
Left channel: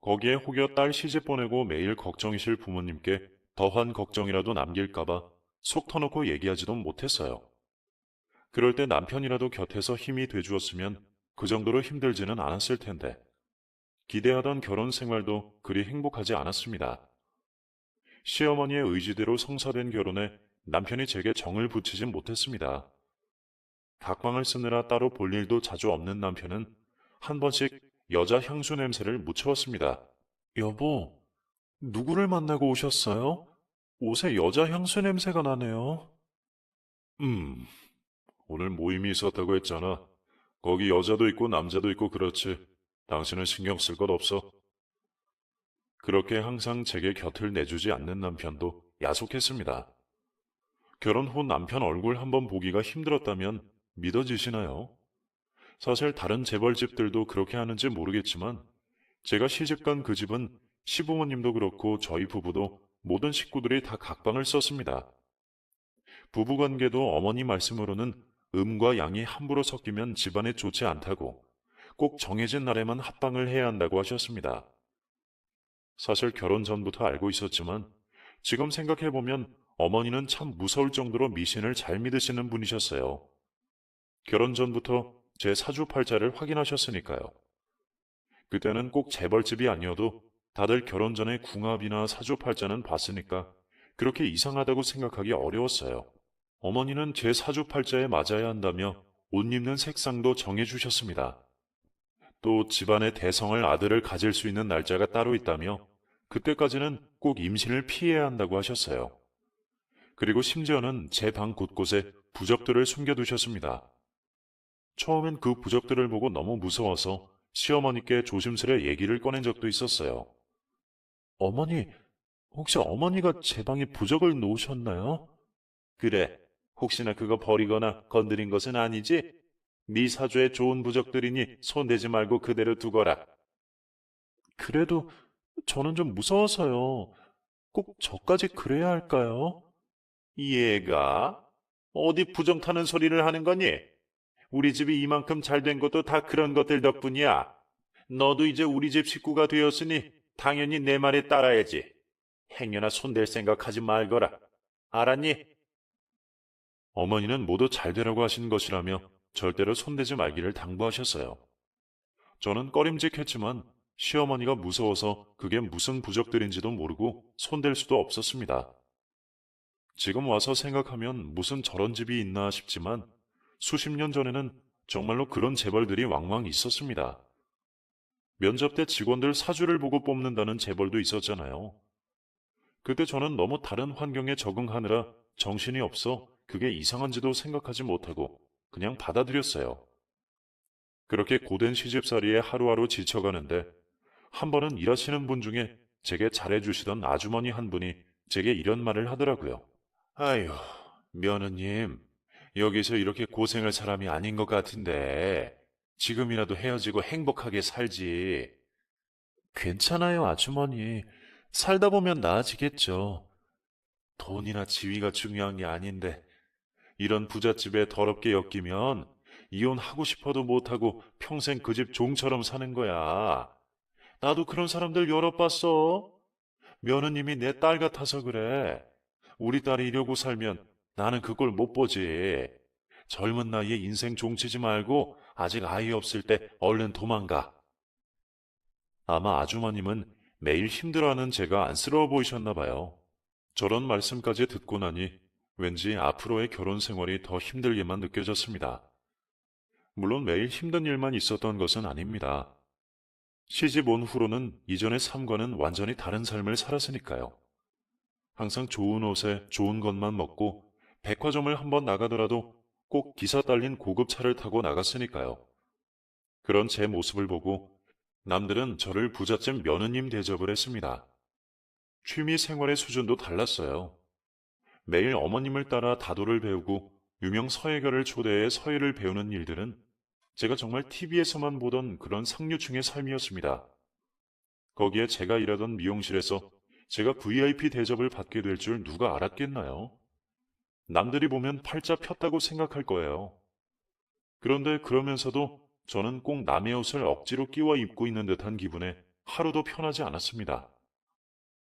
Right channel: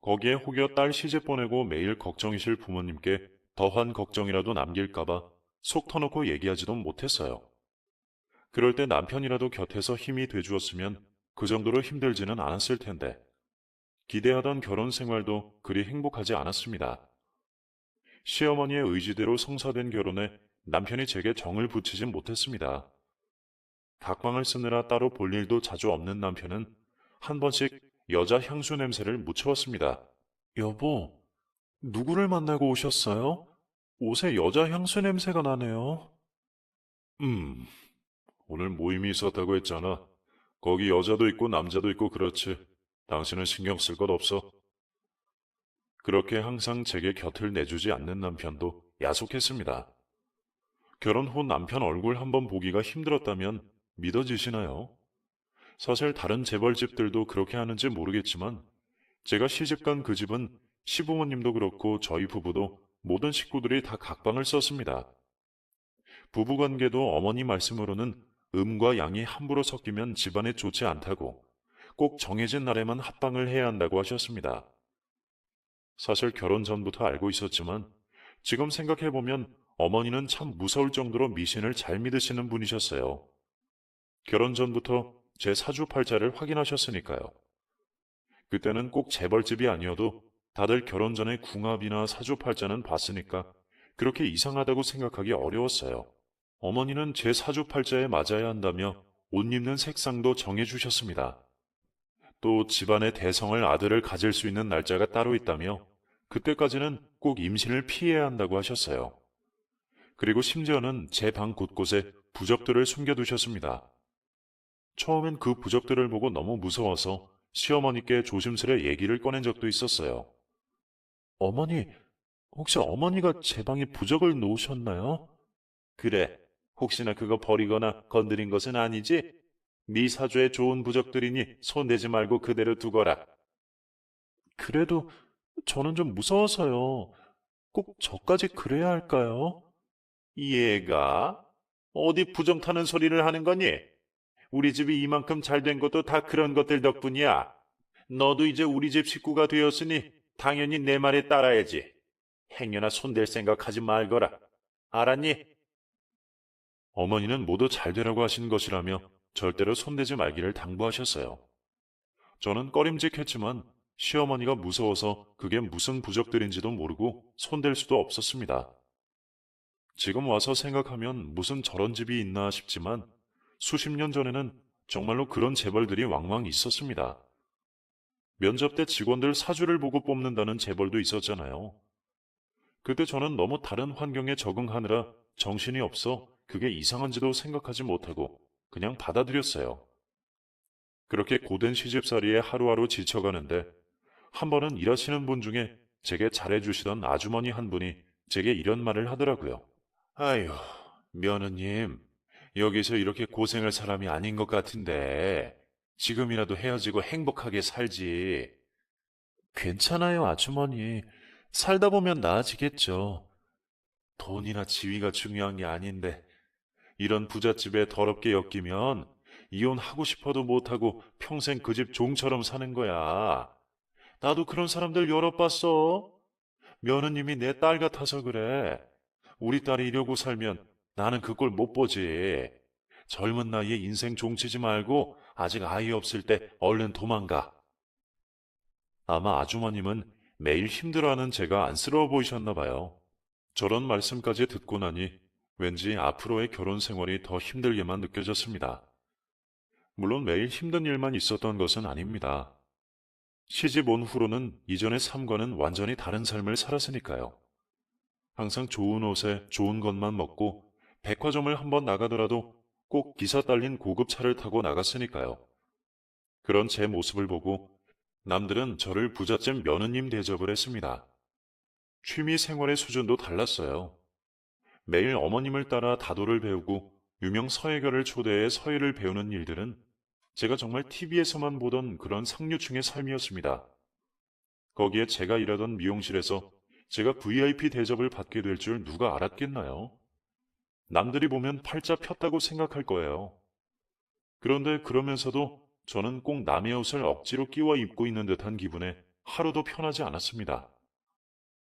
거기에 혹여 딸 시집 보내고 매일 걱정이실 부모님께 더한 걱정이라도 남길까봐 속 터놓고 얘기하지도 못했어요. 그럴 때 남편이라도 곁에서 힘이 돼주었으면 그 정도로 힘들지는 않았을 텐데 기대하던 결혼 생활도 그리 행복하지 않았습니다. 시어머니의 의지대로 성사된 결혼에 남편이 제게 정을 붙이진 못했습니다. 각방을 쓰느라 따로 볼 일도 자주 없는 남편은 한 번씩 여자 향수 냄새를 묻혀왔습니다. 여보, 누구를 만나고 오셨어요? 옷에 여자 향수 냄새가 나네요. 음, 오늘 모임이 있었다고 했잖아. 거기 여자도 있고 남자도 있고 그렇지. 당신은 신경 쓸 것 없어. 그렇게 항상 제게 곁을 내주지 않는 남편도 야속했습니다. 결혼 후 남편 얼굴 한번 보기가 힘들었다면 믿어지시나요? 사실 다른 재벌집들도 그렇게 하는지 모르겠지만 제가 시집간 그 집은 시부모님도 그렇고 저희 부부도 모든 식구들이 다 각방을 썼습니다. 부부관계도 어머니 말씀으로는 음과 양이 함부로 섞이면 집안에 좋지 않다고 꼭 정해진 날에만 합방을 해야 한다고 하셨습니다. 사실 결혼 전부터 알고 있었지만 지금 생각해보면 어머니는 참 무서울 정도로 미신을 잘 믿으시는 분이셨어요. 결혼 전부터 제 사주팔자를 확인하셨으니까요. 그때는 꼭 재벌집이 아니어도 다들 결혼 전에 궁합이나 사주팔자는 봤으니까 그렇게 이상하다고 생각하기 어려웠어요. 어머니는 제 사주팔자에 맞아야 한다며 옷 입는 색상도 정해주셨습니다. 또 집안의 대성을 아들을 가질 수 있는 날짜가 따로 있다며 그때까지는 꼭 임신을 피해야 한다고 하셨어요. 그리고 심지어는 제 방 곳곳에 부적들을 숨겨두셨습니다. 처음엔 그 부적들을 보고 너무 무서워서 시어머니께 조심스레 얘기를 꺼낸 적도 있었어요. 어머니, 혹시 어머니가 제 방에 부적을 놓으셨나요? 그래, 혹시나 그거 버리거나 건드린 것은 아니지? 네 사주에 좋은 부적들이니 손대지 말고 그대로 두거라. 그래도 저는 좀 무서워서요. 꼭 저까지 그래야 할까요? 얘가 어디 부정 타는 소리를 하는 거니? 우리 집이 이만큼 잘 된 것도 다 그런 것들 덕분이야. 너도 이제 우리 집 식구가 되었으니 당연히 내 말에 따라야지. 행여나 손댈 생각하지 말거라. 알았니? 어머니는 모두 잘 되라고 하신 것이라며 절대로 손대지 말기를 당부하셨어요. 저는 꺼림직했지만 시어머니가 무서워서 그게 무슨 부적들인지도 모르고 손댈 수도 없었습니다. 지금 와서 생각하면 무슨 저런 집이 있나 싶지만 수십 년 전에는 정말로 그런 재벌들이 왕왕 있었습니다. 면접 때 직원들 사주를 보고 뽑는다는 재벌도 있었잖아요. 그때 저는 너무 다른 환경에 적응하느라 정신이 없어 그게 이상한지도 생각하지 못하고 그냥 받아들였어요. 그렇게 고된 시집살이에 하루하루 지쳐가는데 한 번은 일하시는 분 중에 제게 잘해주시던 아주머니 한 분이 제게 이런 말을 하더라고요. 아유, 며느님, 여기서 이렇게 고생할 사람이 아닌 것 같은데 지금이라도 헤어지고 행복하게 살지. 괜찮아요, 아주머니. 살다 보면 나아지겠죠. 돈이나 지위가 중요한 게 아닌데 이런 부잣집에 더럽게 엮이면 이혼하고 싶어도 못하고 평생 그 집 종처럼 사는 거야. 나도 그런 사람들 여러 봤어. 며느님이 내 딸 같아서 그래. 우리 딸이 이러고 살면 나는 그걸 못 보지. 젊은 나이에 인생 종치지 말고 아직 아이 없을 때 얼른 도망가. 아마 아주머님은 매일 힘들어하는 제가 안쓰러워 보이셨나 봐요. 저런 말씀까지 듣고 나니 왠지 앞으로의 결혼 생활이 더 힘들게만 느껴졌습니다. 물론 매일 힘든 일만 있었던 것은 아닙니다. 시집 온 후로는 이전의 삶과는 완전히 다른 삶을 살았으니까요. 항상 좋은 옷에 좋은 것만 먹고 백화점을 한번 나가더라도 꼭 기사 딸린 고급 차를 타고 나갔으니까요. 그런 제 모습을 보고 남들은 저를 부잣집 며느님 대접을 했습니다. 취미 생활의 수준도 달랐어요. 매일 어머님을 따라 다도를 배우고 유명 서예가를 초대해 서예를 배우는 일들은 제가 정말 TV에서만 보던 그런 상류층의 삶이었습니다. 거기에 제가 일하던 미용실에서 제가 VIP 대접을 받게 될 줄 누가 알았겠나요? 남들이 보면 팔자 폈다고 생각할 거예요. 그런데 그러면서도 저는 꼭 남의 옷을 억지로 끼워 입고 있는 듯한 기분에 하루도 편하지 않았습니다.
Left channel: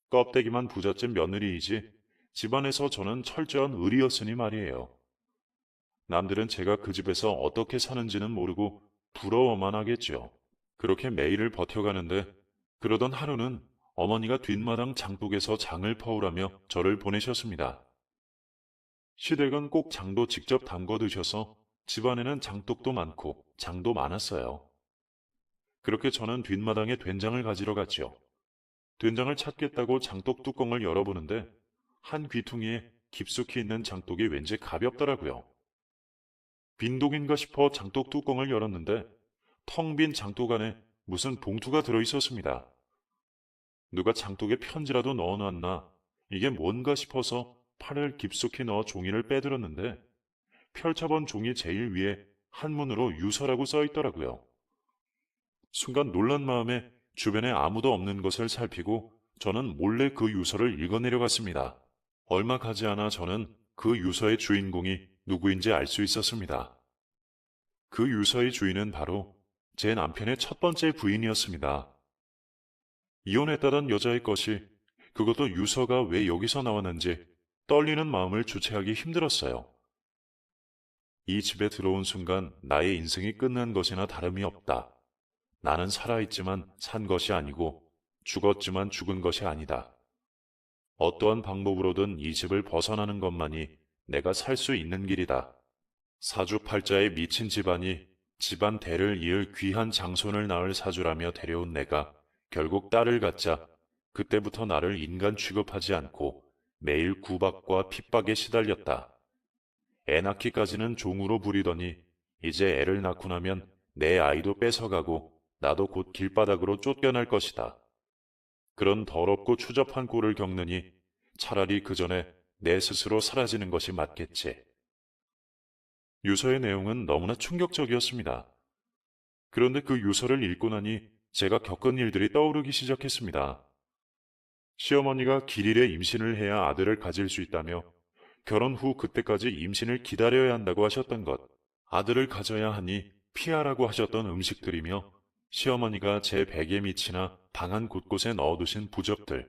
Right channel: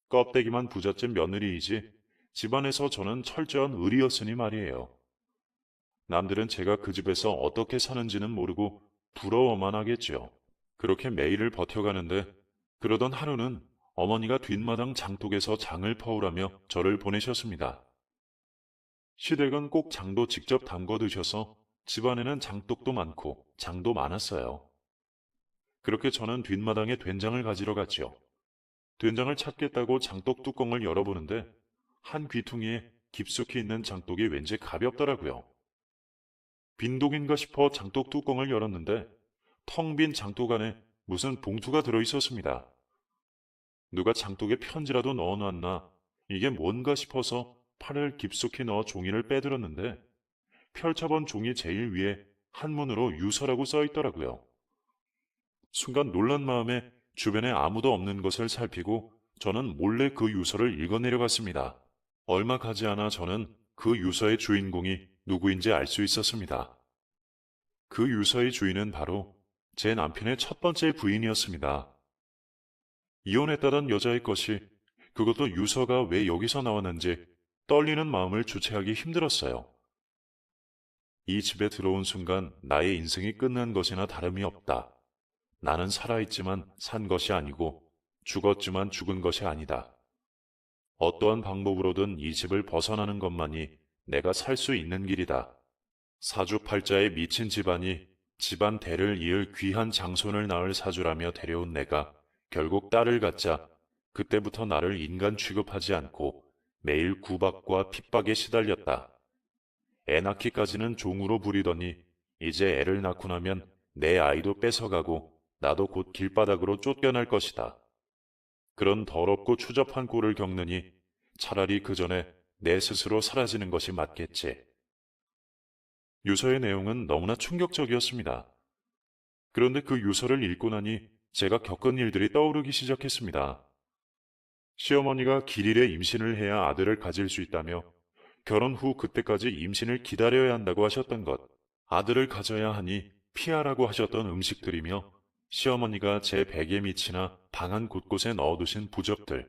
껍데기만 부잣집 며느리이지 집안에서 저는 철저한 을이었으니 말이에요. 남들은 제가 그 집에서 어떻게 사는지는 모르고 부러워만 하겠죠. 그렇게 매일을 버텨가는데 그러던 하루는 어머니가 뒷마당 장독에서 장을 퍼오라며 저를 보내셨습니다. 시댁은 꼭 장도 직접 담궈 드셔서 집안에는 장독도 많고 장도 많았어요. 그렇게 저는 뒷마당에 된장을 가지러 갔죠. 된장을 찾겠다고 장독 뚜껑을 열어보는데 한 귀퉁이에 깊숙이 있는 장독이 왠지 가볍더라고요. 빈독인가 싶어 장독 뚜껑을 열었는데 텅 빈 장독 안에 무슨 봉투가 들어있었습니다. 누가 장독에 편지라도 넣어놨나? 이게 뭔가 싶어서 팔을 깊숙이 넣어 종이를 빼들었는데 펼쳐본 종이 제일 위에 한문으로 유서라고 써있더라고요. 순간 놀란 마음에 주변에 아무도 없는 것을 살피고 저는 몰래 그 유서를 읽어내려갔습니다. 얼마 가지 않아 저는 그 유서의 주인공이 누구인지 알 수 있었습니다. 그 유서의 주인은 바로 제 남편의 첫 번째 부인이었습니다. 이혼했다던 여자의 것이, 그것도 유서가 왜 여기서 나왔는지 떨리는 마음을 주체하기 힘들었어요. 이 집에 들어온 순간 나의 인생이 끝난 것이나 다름이 없다. 나는 살아있지만 산 것이 아니고 죽었지만 죽은 것이 아니다. 어떠한 방법으로든 이 집을 벗어나는 것만이 내가 살 수 있는 길이다. 사주팔자에 미친 집안이 집안 대를 이을 귀한 장손을 낳을 사주라며 데려온 내가 결국 딸을 갖자 그때부터 나를 인간 취급하지 않고 매일 구박과 핍박에 시달렸다. 애 낳기까지는 종으로 부리더니 이제 애를 낳고 나면 내 아이도 뺏어가고 나도 곧 길바닥으로 쫓겨날 것이다. 그런 더럽고 추접한 꼴을 겪느니 차라리 그 전에 내 스스로 사라지는 것이 맞겠지. 유서의 내용은 너무나 충격적이었습니다. 그런데 그 유서를 읽고 나니 제가 겪은 일들이 떠오르기 시작했습니다. 시어머니가 길일에 임신을 해야 아들을 가질 수 있다며 결혼 후 그때까지 임신을 기다려야 한다고 하셨던 것, 아들을 가져야 하니 피하라고 하셨던 음식들이며 시어머니가 제 베개 밑이나 방 안 곳곳에 넣어두신 부적들,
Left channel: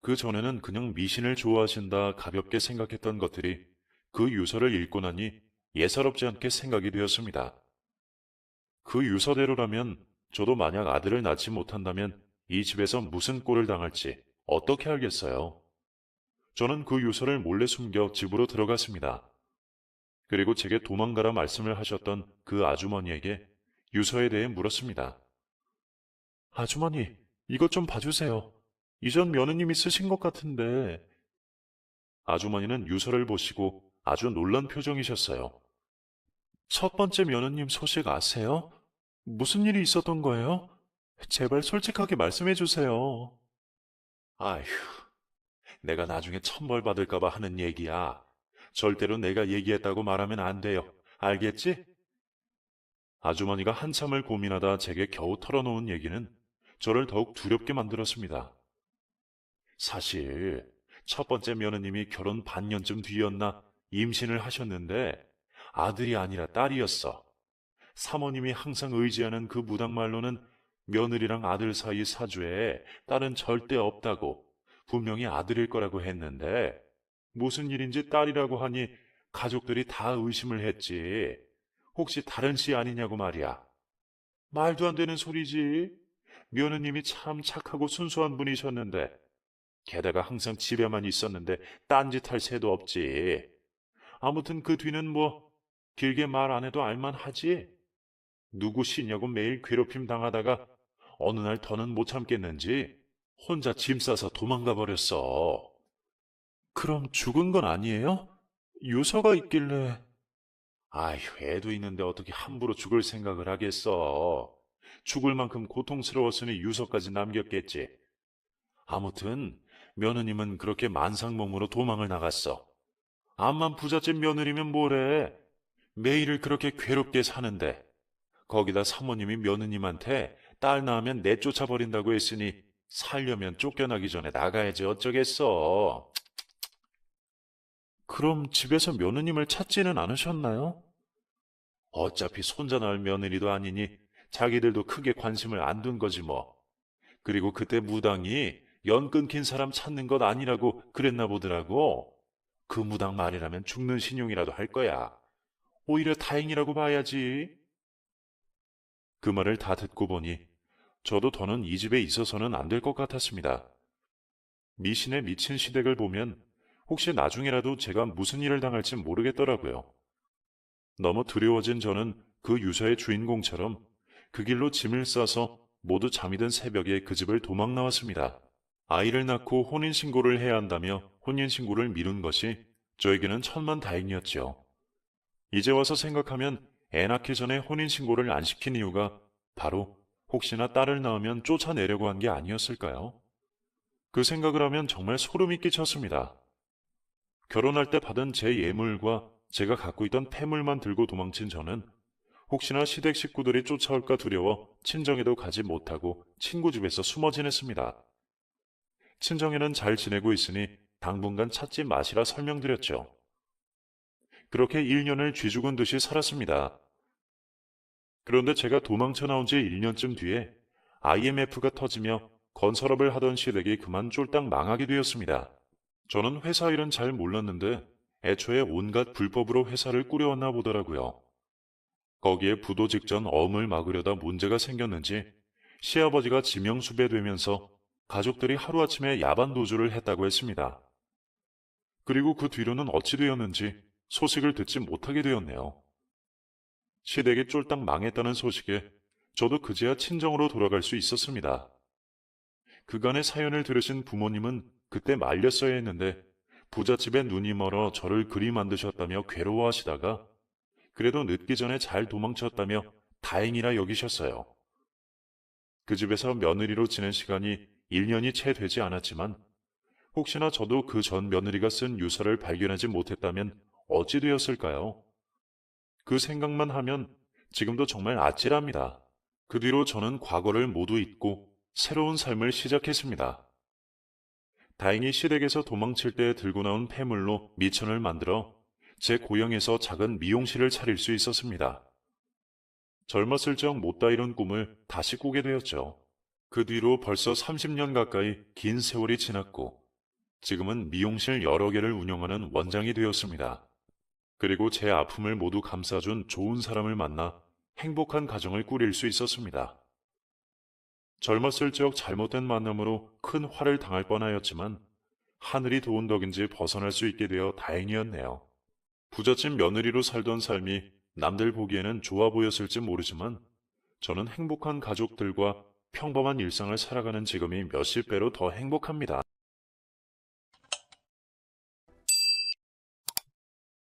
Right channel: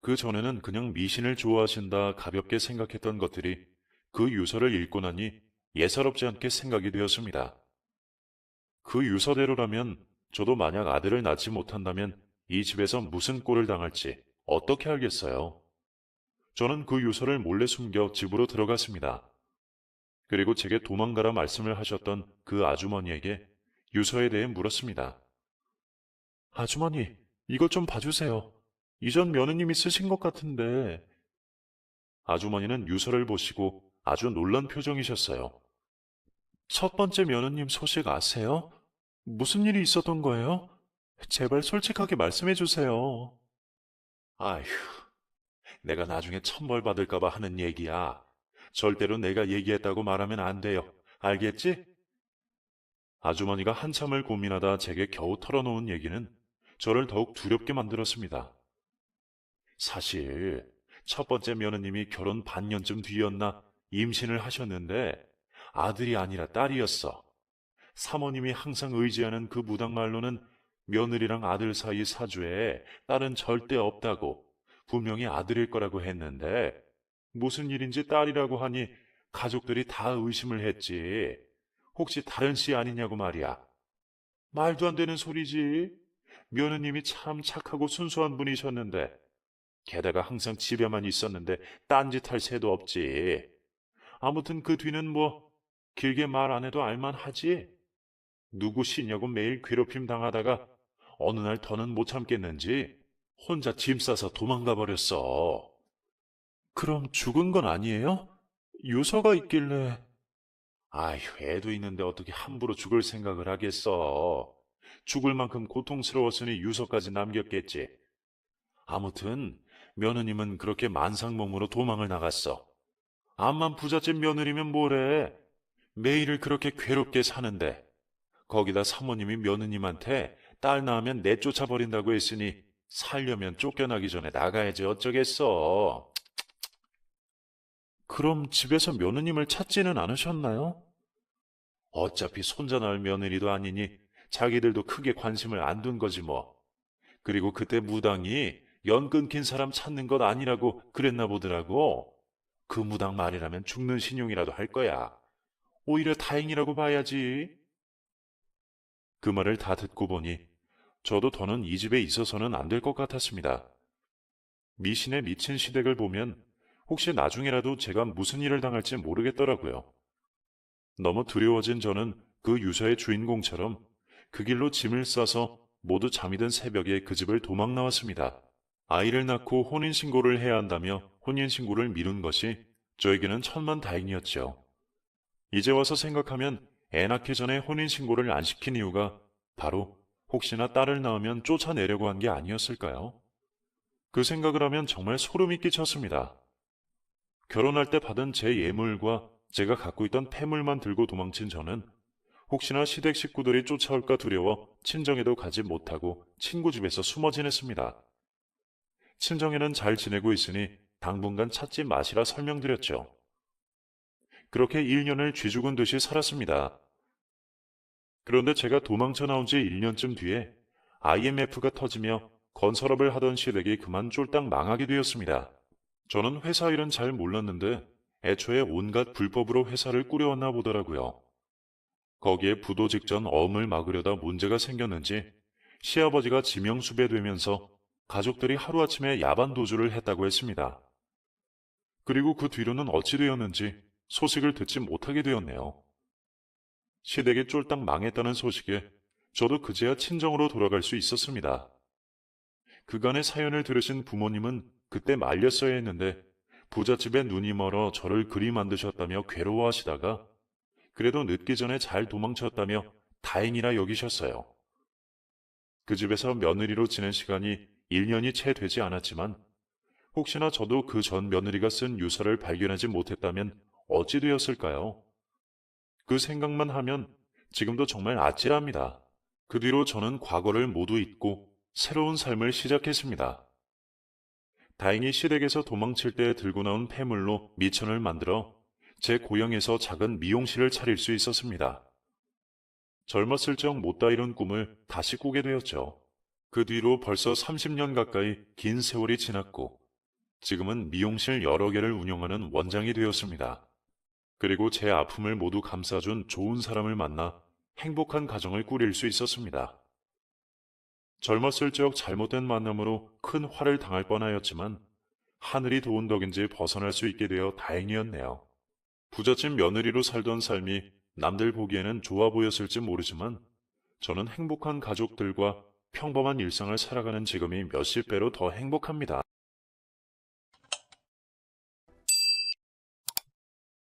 그 전에는 그냥 미신을 좋아하신다 가볍게 생각했던 것들이 그 유서를 읽고 나니 예사롭지 않게 생각이 되었습니다. 그 유서대로라면 저도 만약 아들을 낳지 못한다면 이 집에서 무슨 꼴을 당할지 어떻게 알겠어요. 저는 그 유서를 몰래 숨겨 집으로 들어갔습니다. 그리고 제게 도망가라 말씀을 하셨던 그 아주머니에게 유서에 대해 물었습니다. 아주머니, 이것 좀 봐주세요. 이전 며느님이 쓰신 것 같은데. 아주머니는 유서를 보시고 아주 놀란 표정이셨어요. 첫 번째 며느님 소식 아세요? 무슨 일이 있었던 거예요? 제발 솔직하게 말씀해 주세요. 아휴, 내가 나중에 천벌 받을까봐 하는 얘기야. 절대로 내가 얘기했다고 말하면 안 돼요. 알겠지? 아주머니가 한참을 고민하다 제게 겨우 털어놓은 얘기는 저를 더욱 두렵게 만들었습니다. 사실 첫 번째 며느님이 결혼 반년쯤 뒤였나 임신을 하셨는데 아들이 아니라 딸이었어. 사모님이 항상 의지하는 그 무당말로는 며느리랑 아들 사이 사주에 딸은 절대 없다고 분명히 아들일 거라고 했는데 무슨 일인지 딸이라고 하니 가족들이 다 의심을 했지. 혹시 다른 씨 아니냐고 말이야. 말도 안 되는 소리지. 며느님이 참 착하고 순수한 분이셨는데, 게다가 항상 집에만 있었는데 딴짓할 새도 없지. 아무튼 그 뒤는 뭐 길게 말 안 해도 알만하지. 누구 시냐고 매일 괴롭힘 당하다가 어느 날 더는 못 참겠는지 혼자 짐 싸서 도망가 버렸어. 그럼 죽은 건 아니에요? 유서가 있길래. 아휴, 애도 있는데 어떻게 함부로 죽을 생각을 하겠어. 죽을 만큼 고통스러웠으니 유서까지 남겼겠지. 아무튼 며느님은 그렇게 만상몽으로 도망을 나갔어. 암만 부잣집 며느리면 뭐래. 매일을 그렇게 괴롭게 사는데 거기다 사모님이 며느님한테 딸 낳으면 내쫓아 버린다고 했으니 살려면 쫓겨나기 전에 나가야지 어쩌겠어. 그럼 집에서 며느님을 찾지는 않으셨나요? 어차피 손자 낳을 며느리도 아니니 자기들도 크게 관심을 안 둔 거지 뭐. 그리고 그때 무당이 연 끊긴 사람 찾는 것 아니라고 그랬나 보더라고. 그 무당 말이라면 죽는 신용이라도 할 거야. 오히려 다행이라고 봐야지. 그 말을 다 듣고 보니 저도 더는 이 집에 있어서는 안 될 것 같았습니다. 미신에 미친 시댁을 보면 혹시 나중에라도 제가 무슨 일을 당할지 모르겠더라고요. 너무 두려워진 저는 그 유서의 주인공처럼 그 길로 짐을 싸서 모두 잠이 든 새벽에 그 집을 도망 나왔습니다. 아이를 낳고 혼인신고를 해야 한다며 혼인신고를 미룬 것이 저에게는 천만다행이었죠. 이제 와서 생각하면 애 낳기 전에 혼인신고를 안 시킨 이유가 바로 혹시나 딸을 낳으면 쫓아내려고 한 게 아니었을까요? 그 생각을 하면 정말 소름이 끼쳤습니다. 결혼할 때 받은 제 예물과 제가 갖고 있던 폐물만 들고 도망친 저는 혹시나 시댁 식구들이 쫓아올까 두려워 친정에도 가지 못하고 친구 집에서 숨어 지냈습니다. 친정에는 잘 지내고 있으니 당분간 찾지 마시라 설명드렸죠. 그렇게 1년을 쥐죽은 듯이 살았습니다. 그런데 제가 도망쳐 나온 지 1년쯤 뒤에 IMF가 터지며 건설업을 하던 시댁이 그만 쫄딱 망하게 되었습니다. 저는 회사 일은 잘 몰랐는데 애초에 온갖 불법으로 회사를 꾸려왔나 보더라고요. 거기에 부도 직전 어음을 막으려다 문제가 생겼는지 시아버지가 지명수배되면서 가족들이 하루아침에 야반도주를 했다고 했습니다. 그리고 그 뒤로는 어찌 되었는지 소식을 듣지 못하게 되었네요. 시댁이 쫄딱 망했다는 소식에 저도 그제야 친정으로 돌아갈 수 있었습니다. 그간의 사연을 들으신 부모님은 그때 말렸어야 했는데 부잣집에 눈이 멀어 저를 그리 만드셨다며 괴로워하시다가 그래도 늦기 전에 잘 도망쳤다며 다행이라 여기셨어요. 그 집에서 며느리로 지낸 시간이 1년이 채 되지 않았지만 혹시나 저도 그 전 며느리가 쓴 유서를 발견하지 못했다면 어찌 되었을까요? 그 생각만 하면 지금도 정말 아찔합니다. 그 뒤로 저는 과거를 모두 잊고 새로운 삶을 시작했습니다. 다행히 시댁에서 도망칠 때 들고 나온 폐물로 미천을 만들어 제 고향에서 작은 미용실을 차릴 수 있었습니다. 젊었을 적 못다 이룬 꿈을 다시 꾸게 되었죠. 그 뒤로 벌써 30년 가까이 긴 세월이 지났고 지금은 미용실 여러 개를 운영하는 원장이 되었습니다. 그리고 제 아픔을 모두 감싸준 좋은 사람을 만나 행복한 가정을 꾸릴 수 있었습니다. 젊었을 적 잘못된 만남으로 큰 화를 당할 뻔하였지만 하늘이 도운 덕인지 벗어날 수 있게 되어 다행이었네요. 부잣집 며느리로 살던 삶이 남들 보기에는 좋아 보였을지 모르지만 저는 행복한 가족들과 평범한 일상을 살아가는 지금이 몇십 배로 더 행복합니다.